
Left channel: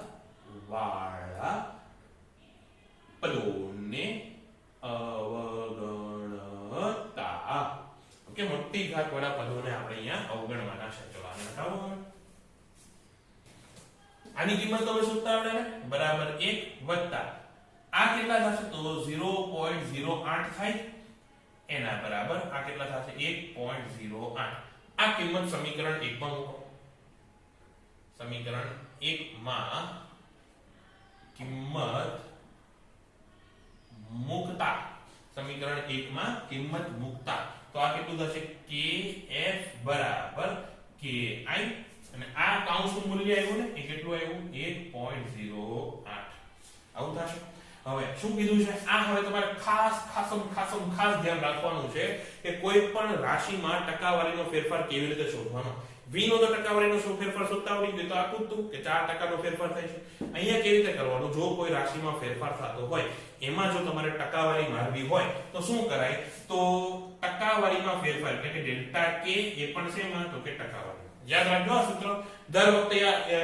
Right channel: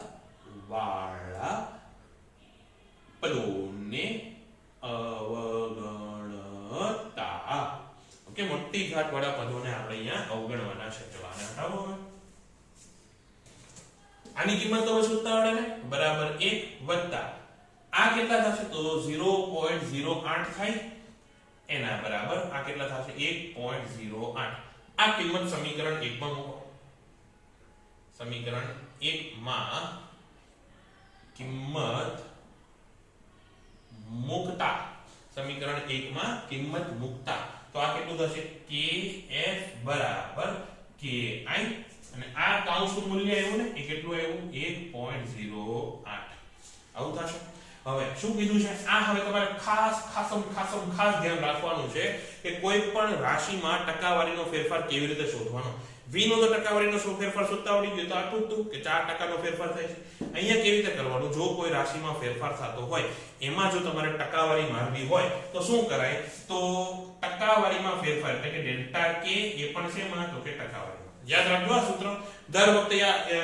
વાળા પદોને અવગણતા. ઓકે, મોટી ઘાત વાળા પદોને આપણે અહીંયા અવગણવાના છે. ચલો આને હટાવો. આની કિંમત તમે શોધતા આવડે ને, બરાબર 1 વત્તા આ કેટલા થશે? તો 0.08 થાય એના બરાબર આ કેટલા થશે? 1.08. આ કિંમત સમીકરણ 1 માં મૂકો. સમીકરણ 1 માં કિંમત મૂકતા, સમીકરણ 1 માં કિંમત મૂકતા તો આ કેટલું થશે kf બરાબર ki અને આ કાઉન્સનું મૂલ્ય આવ્યું ને એ કેટલું આવ્યું 1.08 આવું થશે હવે શું કીધું છે આ હવે તમારે ખાસ ધ્યાન રાખવાનું છે કે કોઈ પણ રાશિમાં ટકાવારીનો ફેરફાર કેવી રીતે શોધવાનો v નો તો ટકાવારીનો શું ફેરફાર શોધતા આવડી ગયો તો આટલું હતું કે 4% નો ફેરફાર થાય છે અહીંયા કેવી રીતે કરવાનું જો કોઈ રાશિમાં ફેરફાર થતો હોય એમાં જો તમારે ટકાવારી મારવી હોય તો શું કરાય તો ટકાવારીમાં ફેરફાર એટલે કે ડેલ્ટા k એ પણ શેમાં તો કે ટકાવારી યાદ રાખજો આ સૂત્ર દર વખતે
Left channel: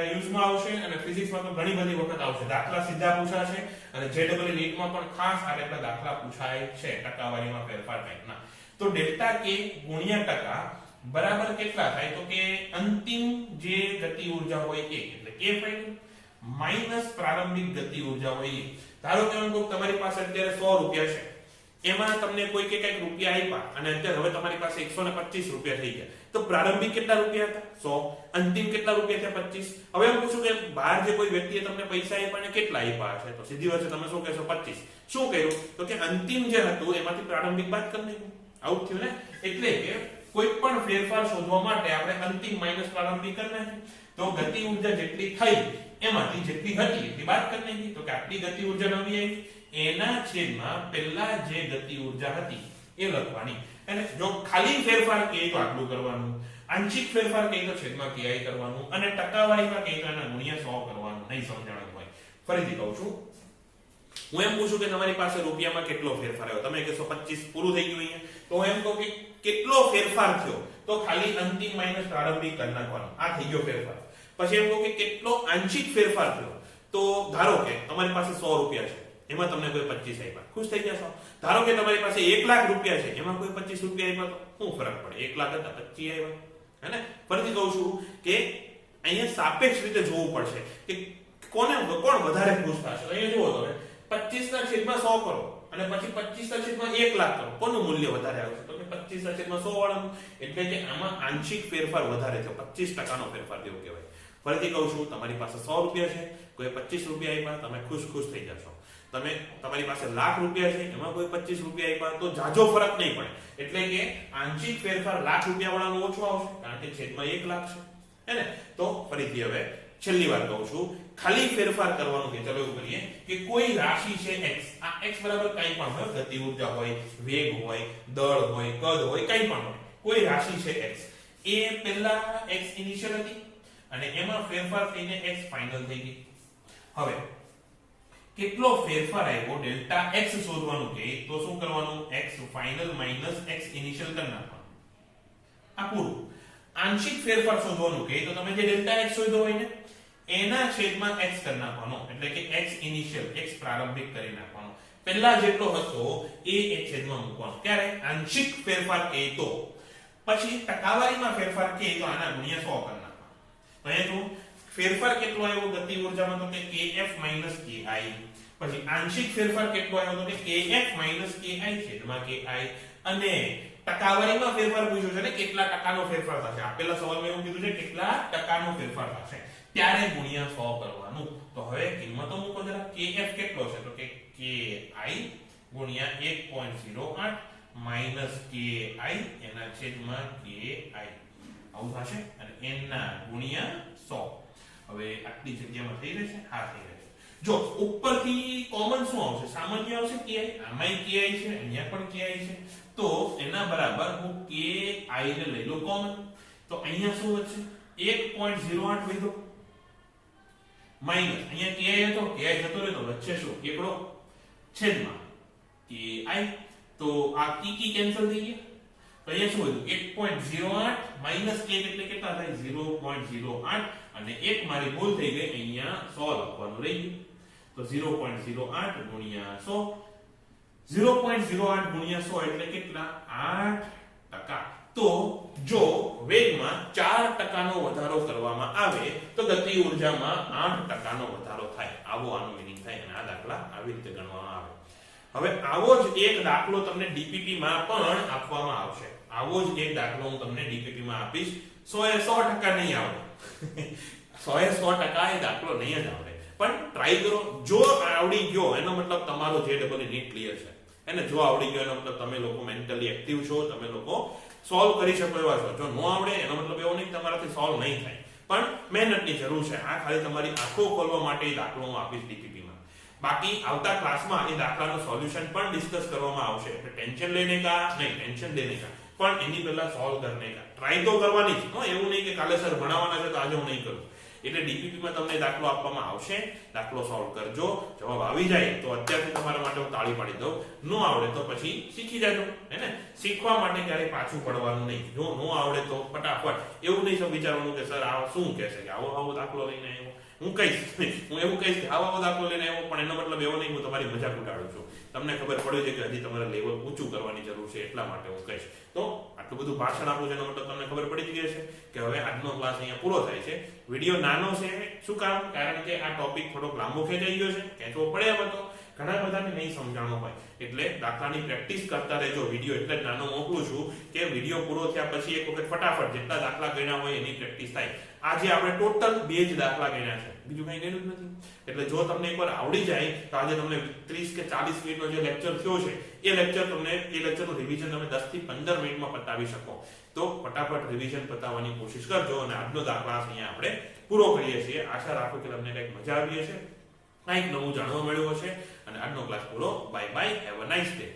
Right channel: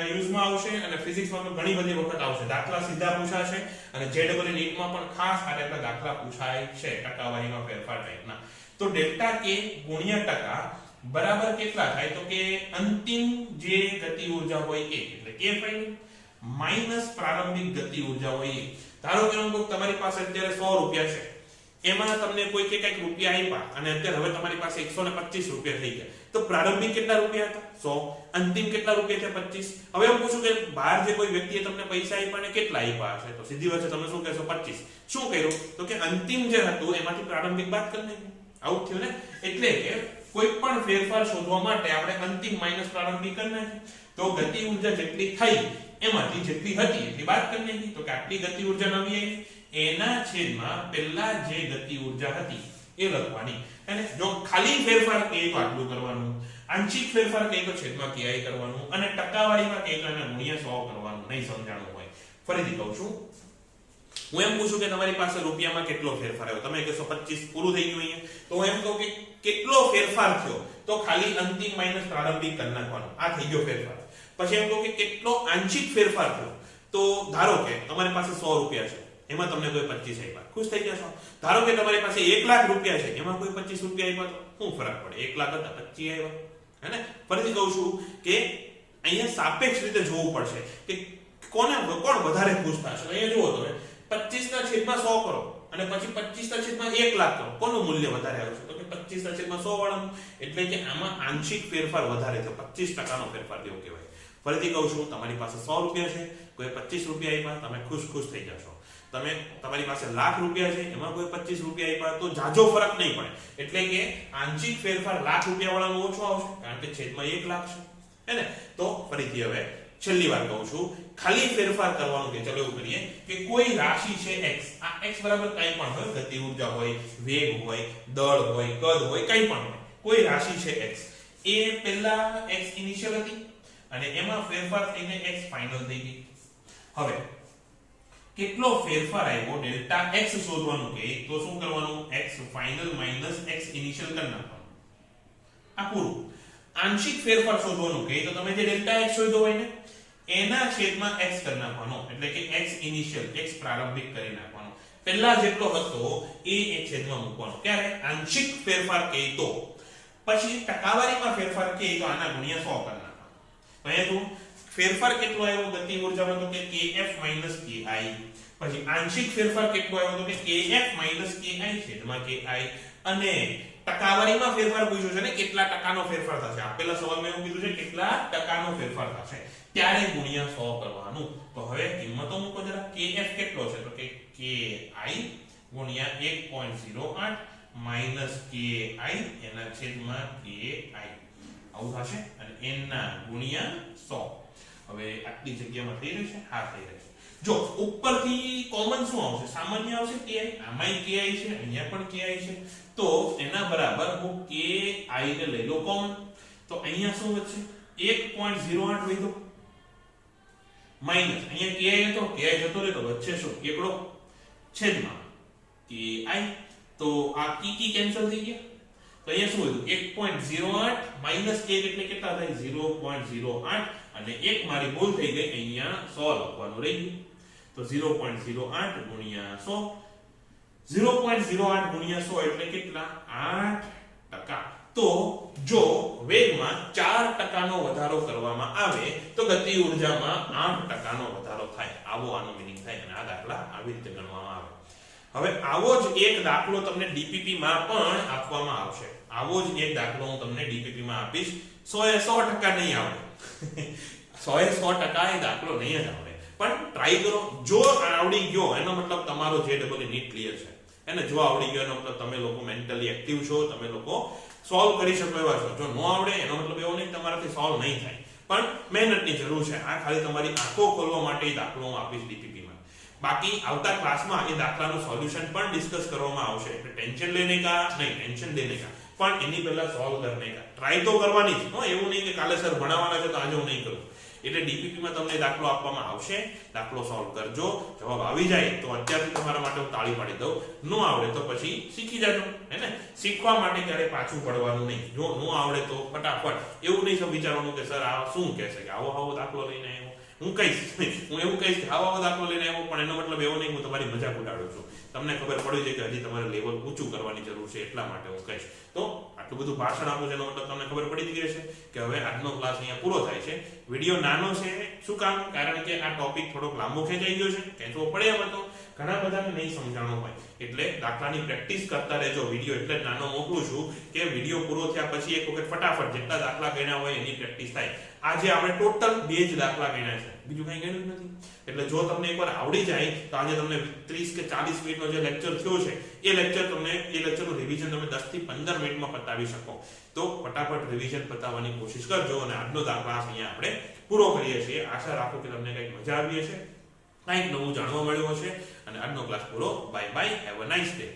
યુઝમાં આવશે અને ફિઝિક્સમાં તો ઘણી બધી વખત આવશે દાખલા સીધા પૂછાશે અને જેડબલ નીટમાં પણ ખાસ આ રીતના દાખલા પૂછાય છે ટકાવારીમાં ફેરફાર ટાઈપના તો ડેલ્ટા k ગુણ્યા ટકા બરાબર કેટલા થાય તો કે અંતિમ જે ગતિ ઊર્જા હોય એ એટલે k ફાઇનલ માઈનસ પ્રારંભિક ગતિ ઊર્જા હોય એ ધારો કે હું તમારી પાસે અત્યારે 100 રૂપિયા છે એમાં તમને કોઈ કે કઈક રૂપિયા આપ્યા અને અત્યારે હવે તમારી પાસે 125 રૂપિયા થઈ ગયા તો પ્રારંભિક કેટલા રૂપિયા હતા 100 અંતિમ કેટલા રૂપિયા છે 25 હવે હું પૂછું કે બહાર જે કોઈ વ્યક્તિએ તમને પૈસા આપ્યા અને કેટલા આપ્યા છે તો સીધી વાત છે તમે શું કહેશો 25 શું કર્યું તો કે અંતિમ જે હતું એમાંથી પ્રારંભિક બાદ કરી નાખ્યું આવું થયું ને એટલે કે કોઈ પણ ફેરફાર શોધવા માટે આપણે અંતિમ માઈનસ પ્રારંભિક કરી નાખ્યું તો ગતિ ઊર્જા જેટલી થઈ એમાંથી જેટલી હતી એટલી બાદ કરી નાખી તો કે આટલી ગતિ ઊર્જા નવી આવી એના છેદમાં પહેલા જે ગતિ ઊર્જા હતી એ લખવાની અને જો ખાલી ફેરફાર કહે તો આટલું કરવાનું આંશિક ફેરફાર કહે તો છેદમાં ki કરવાનું અને ટકાવારીમાં કહે તો એના ગુણ્યા 100 કરવાનું નહીં સમજાણું હોય ફરીથી કહું છું હું એમ પૂછું કે તમારી પાસે રૂપિયામાં કેટલો ફેરફાર આવ્યો તમે કહેશો 25 પૂરું થઈ ગયું અહીંયા તો હું એમ કહું કે કેટલો ફેરફાર થયો તો ખાલી અંતિમ માઈનસ પ્રારંભિક કરી નાખવાનો આ થઈ ગયો ફેરફાર પછી એમ કહું કે કેટલો આંશિક ફેરફાર થયો તો ધારો કે તમારી પાસે 100 રૂપિયા છે એમાં તમને કોઈ 25 આપ્યા ખુશ થઈ જશો ધારો કે તમારી પાસે 1 લાખ રૂપિયા છે એમાં કોઈ 25 રૂપિયા આપ્યા તો શું ફરક પડે 1 લાખ હતા 25 આવ્યા હે ને ફરીથી કહું છું કે અહીંયા સાપેક્ષ રીતે જોવું પડશે કે કોણ વધારે ખુશ થશે અહીંયા જુઓ તમે 25 ના છેદમાં 100 કરો અને પછી 25 ના છેદમાં 1 લાખ કરો કોનું મૂલ્ય વધારે આવશે તો કે 25 ના છેદમાં 100 વાળાનું એટલે કે આમાં આંશિક ફેરફાર વધારે થયો 25% નો ફેરફાર જેવું કહેવાય ફરીથી કહું છું તમારી પાસે 100 રૂપિયા છે કોઈ 25 રૂપિયા આપ્યા તમે ખુશ થઈ જશો તમારી પાસે લાખ રૂપિયા છે એમાં કોઈ 25 રૂપિયા આપ્યા તો જાજો ફરક નહીં પડે એટલે કે આંશિક ફેરફાર લાખ રૂપિયા વાળાનો ઓછો આવશે કારણ કે છેદમાં 1 લાખ છે હે ને તો ફરીથી હવે છેલ્લી વાર કહું છું ખાલી ફેરફાર કરવાનું કે ચલો એવું કરીએ કે કોઈ રાશિ છે x આ x બરાબર કંઈ પણ હોય ગતિ ઊર્જા હોય વેગ હોય દળ હોય કદ હોય કંઈ પણ હોય કોઈ રાશિ છે x એ પહેલા x ઇનિશિયલ હતી અને એમાં ફેરફાર થઈને x ફાઇનલ થઈ ગઈ હવે કેટલો ફેરફાર આવ્યો ડેલ્ટા x શોધવાનું કે તો શું કરવાનું x final minus x initial કરી નાખવાનું આ પૂરું આંશિક ફેરફાર શોધવાનું કે તો તમે જે ડેલ્ટા x શોધ્યો હોય ને એના છેદમાં x કરી નાખવાનો એટલે કે x ઇનિશિયલ x પ્રારંભિક કરી નાખવાનો પહેલા જેટલો હતો એ છેદમાં મૂકવાનો ક્યારે આંશિક ફેરફાર કે તો પછી ટકાવારીમાં ફેરફાર કે તો આના ગુણ્યા 100 કરી નાખવાનો તો એ તો ફેરફાર કેટલો આવ્યો ગતિ ઊર્જામાં તો કે kf ki પછી આંશિક ફેરફાર કેટલો આવ્યો તો કે kf ki છેદમાં ki અને ટકાવારીમાં ફેરફાર પૂછ્યું છે ને કેટલા ટકાનો ફેરફાર થશે આપેલા સવાલમાં એવું કીધું છે કેટલા ટકાનો ફેરફાર થશે ત્યારે ગુણ્યા 100 કરવાનું તો હવે કિંમતો મૂકો જરા kf કેટલો છે તો કે ki ગુણ્યા 1.08 માઈનસ ki એના છેદમાં ki આવું થશે અને n ના ગુણ્યા 100 હવે આટલી જગ્યામાં થઈ રહેશે આ થઈ રહેશે જો ઉપરથી કોમન શું આવશે સામાન્ય આવશે ki આમાંય ki છે અહીંયા પણ ki છે તો એના બરાબર હું ki ને લઈ લો કોમન તો અહીંયા શું વધશે 1.08 લઈ દો માઈનસ અહીંયા ki હતો ki જતો રહે તો વચ્ચે શું એકડો છેદમાં ki તો આ કી કેન્સલ થઈ ગયા તો અહીંયા શું હતું 1.08 માઈનસ 1 એટલે કેટલા થાય 0.08 અને એક મારી ભૂલ થઈ ગઈ અહીંયા 100 લખવાનું રહી ગયું તો 0.08 ગુણ્યા 100 0.08 ગુણ્યા 100 એટલે કેટલા 8% તો જો વેગમાં 4% નો વધારો કરવામાં આવે તો ગતિ ઊર્જામાં 8% નો વધારો થાય આવો આનો મીનિંગ થાય અને આ દાખલા આવી રીતે ગણવામાં આવે હવે આવો જ એક દાખલો તમને ડીપીટી માં પણ આપવામાં આવશે આવો જ એક દાખલો હું તમને ડીપીટી માં આપીશ 100% નહીં આવડે 100% એ દાખલો નહીં જ આવડે પણ ટ્રાય કરો જો આવડી ગયો એનો મતલબ તમારો જે ડબલ નીટ ક્લિયર છે એને જો આવડી ગયો એનો મતલબ તમે લોકો મેન્ટલી એક્ટિવ છો, તમે લોકો સોલ્વ કરી શકો એવા છો. જો ન આવડે એનો મતલબ એવો નહીં કે તમારાથી સોલ્વ નહીં થાય, પણ મહેનતની જરૂર છે. આ ખાલી તમારી આંખો ખોલવા માટે દાખલો હું આપીશ ડીપીપીમાં. બાકી આવતા ક્લાસમાં એ દાખલાનું સોલ્યુશન પણ ડિસ્કસ કરવામાં આવશે. એટલે ટેન્શન લેને કા નહીં, ટેન્શન લેને કા, પણ એની પહેલા સોલ્વ કરને કા ટ્રાય તો કરવાની જ. એવું નહીં કે કાલે સર ભણાવવાના છે તો આજે હું નહીં કરું. એટલે ડીપીપીમાં તમને દાખલો આપવામાં આવશે, દાખલો સોલ્વ કરજો. જવાબ આવી જાય તો અત્યારથી તમારા માટે હું તાળી પાડી દઉં. ન આવડે તો પછી શીખી જાજો, હે ને. શીખવા માટે ક્યારે પાછું પડવાનું નહીં. જો ન આવડે તો ફટાફટ એવું નહીં વિચારવાનું કે સર આ શું કહેશે કે આવો દાખલો લઈને આવ્યો. હું એવું કહીશ કે આવો દાખલો લઈને આવ્યો, પણ એનો મતલબ એવો નહીં હું તમારી મજાક ઉડાડું છું. તમને ખબર પડી છે કે હજી તમારે લેવલ ઊંચું કરવાની જરૂર છે, એટલા માટે હું કહીશ. તો આટલું બધું ભાષણ આપું છે એનો મતલબ તમને ખબર પડી જ ગઈ છે કે હવે આજનો ક્લાસ અહીંયા પૂરો થાય છે. વિડીયો નાનો છે, શું કામ? કારણ કે આ ટોપિક થોડોક લાંબો ખેંચાઈ ગયો છે, ખેંચવો પડે એમ હતો. ઘણા બધાને નહીં સમજાણું હોય, એટલે દાખલાની પ્રેક્ટિસ કરતા રહેજો. વિડીયો એટલે જ નાનો મોકલું છું કે વિડીયો પૂરો થયા પછી એક વખત ફટાફટ જેટલા દાખલા ગણ્યા હોય એની પ્રેક્ટિસ થાય. આજે આપણે ટોટલ 2 જ દાખલા ગણ્યા છે, બીજું કઈ ગણ્યું જ નથી. એટલે જો તમને એકવાર આવડી જાય તો આજે તમને 30 કે 40 મિનિટનો જે લેક્ચર થયો છે એ લેક્ચરનું રિવિઝન તમે 10 થી 15 મિનિટમાં પતાવી શકો. તો ફટાફટ રિવિઝન પતાવવાની કોશિશ કરજો. અને આજનો ક્લાસ અહીંયા આપણે પૂરો કરીએ છીએ. આશા રાખું કે તમને કંઈક મજા આવી હશે, કંઈક નવું જાણવા મળ્યું હશે. અને આજનો ક્લાસ પૂરો. Bye bye, have a nice day.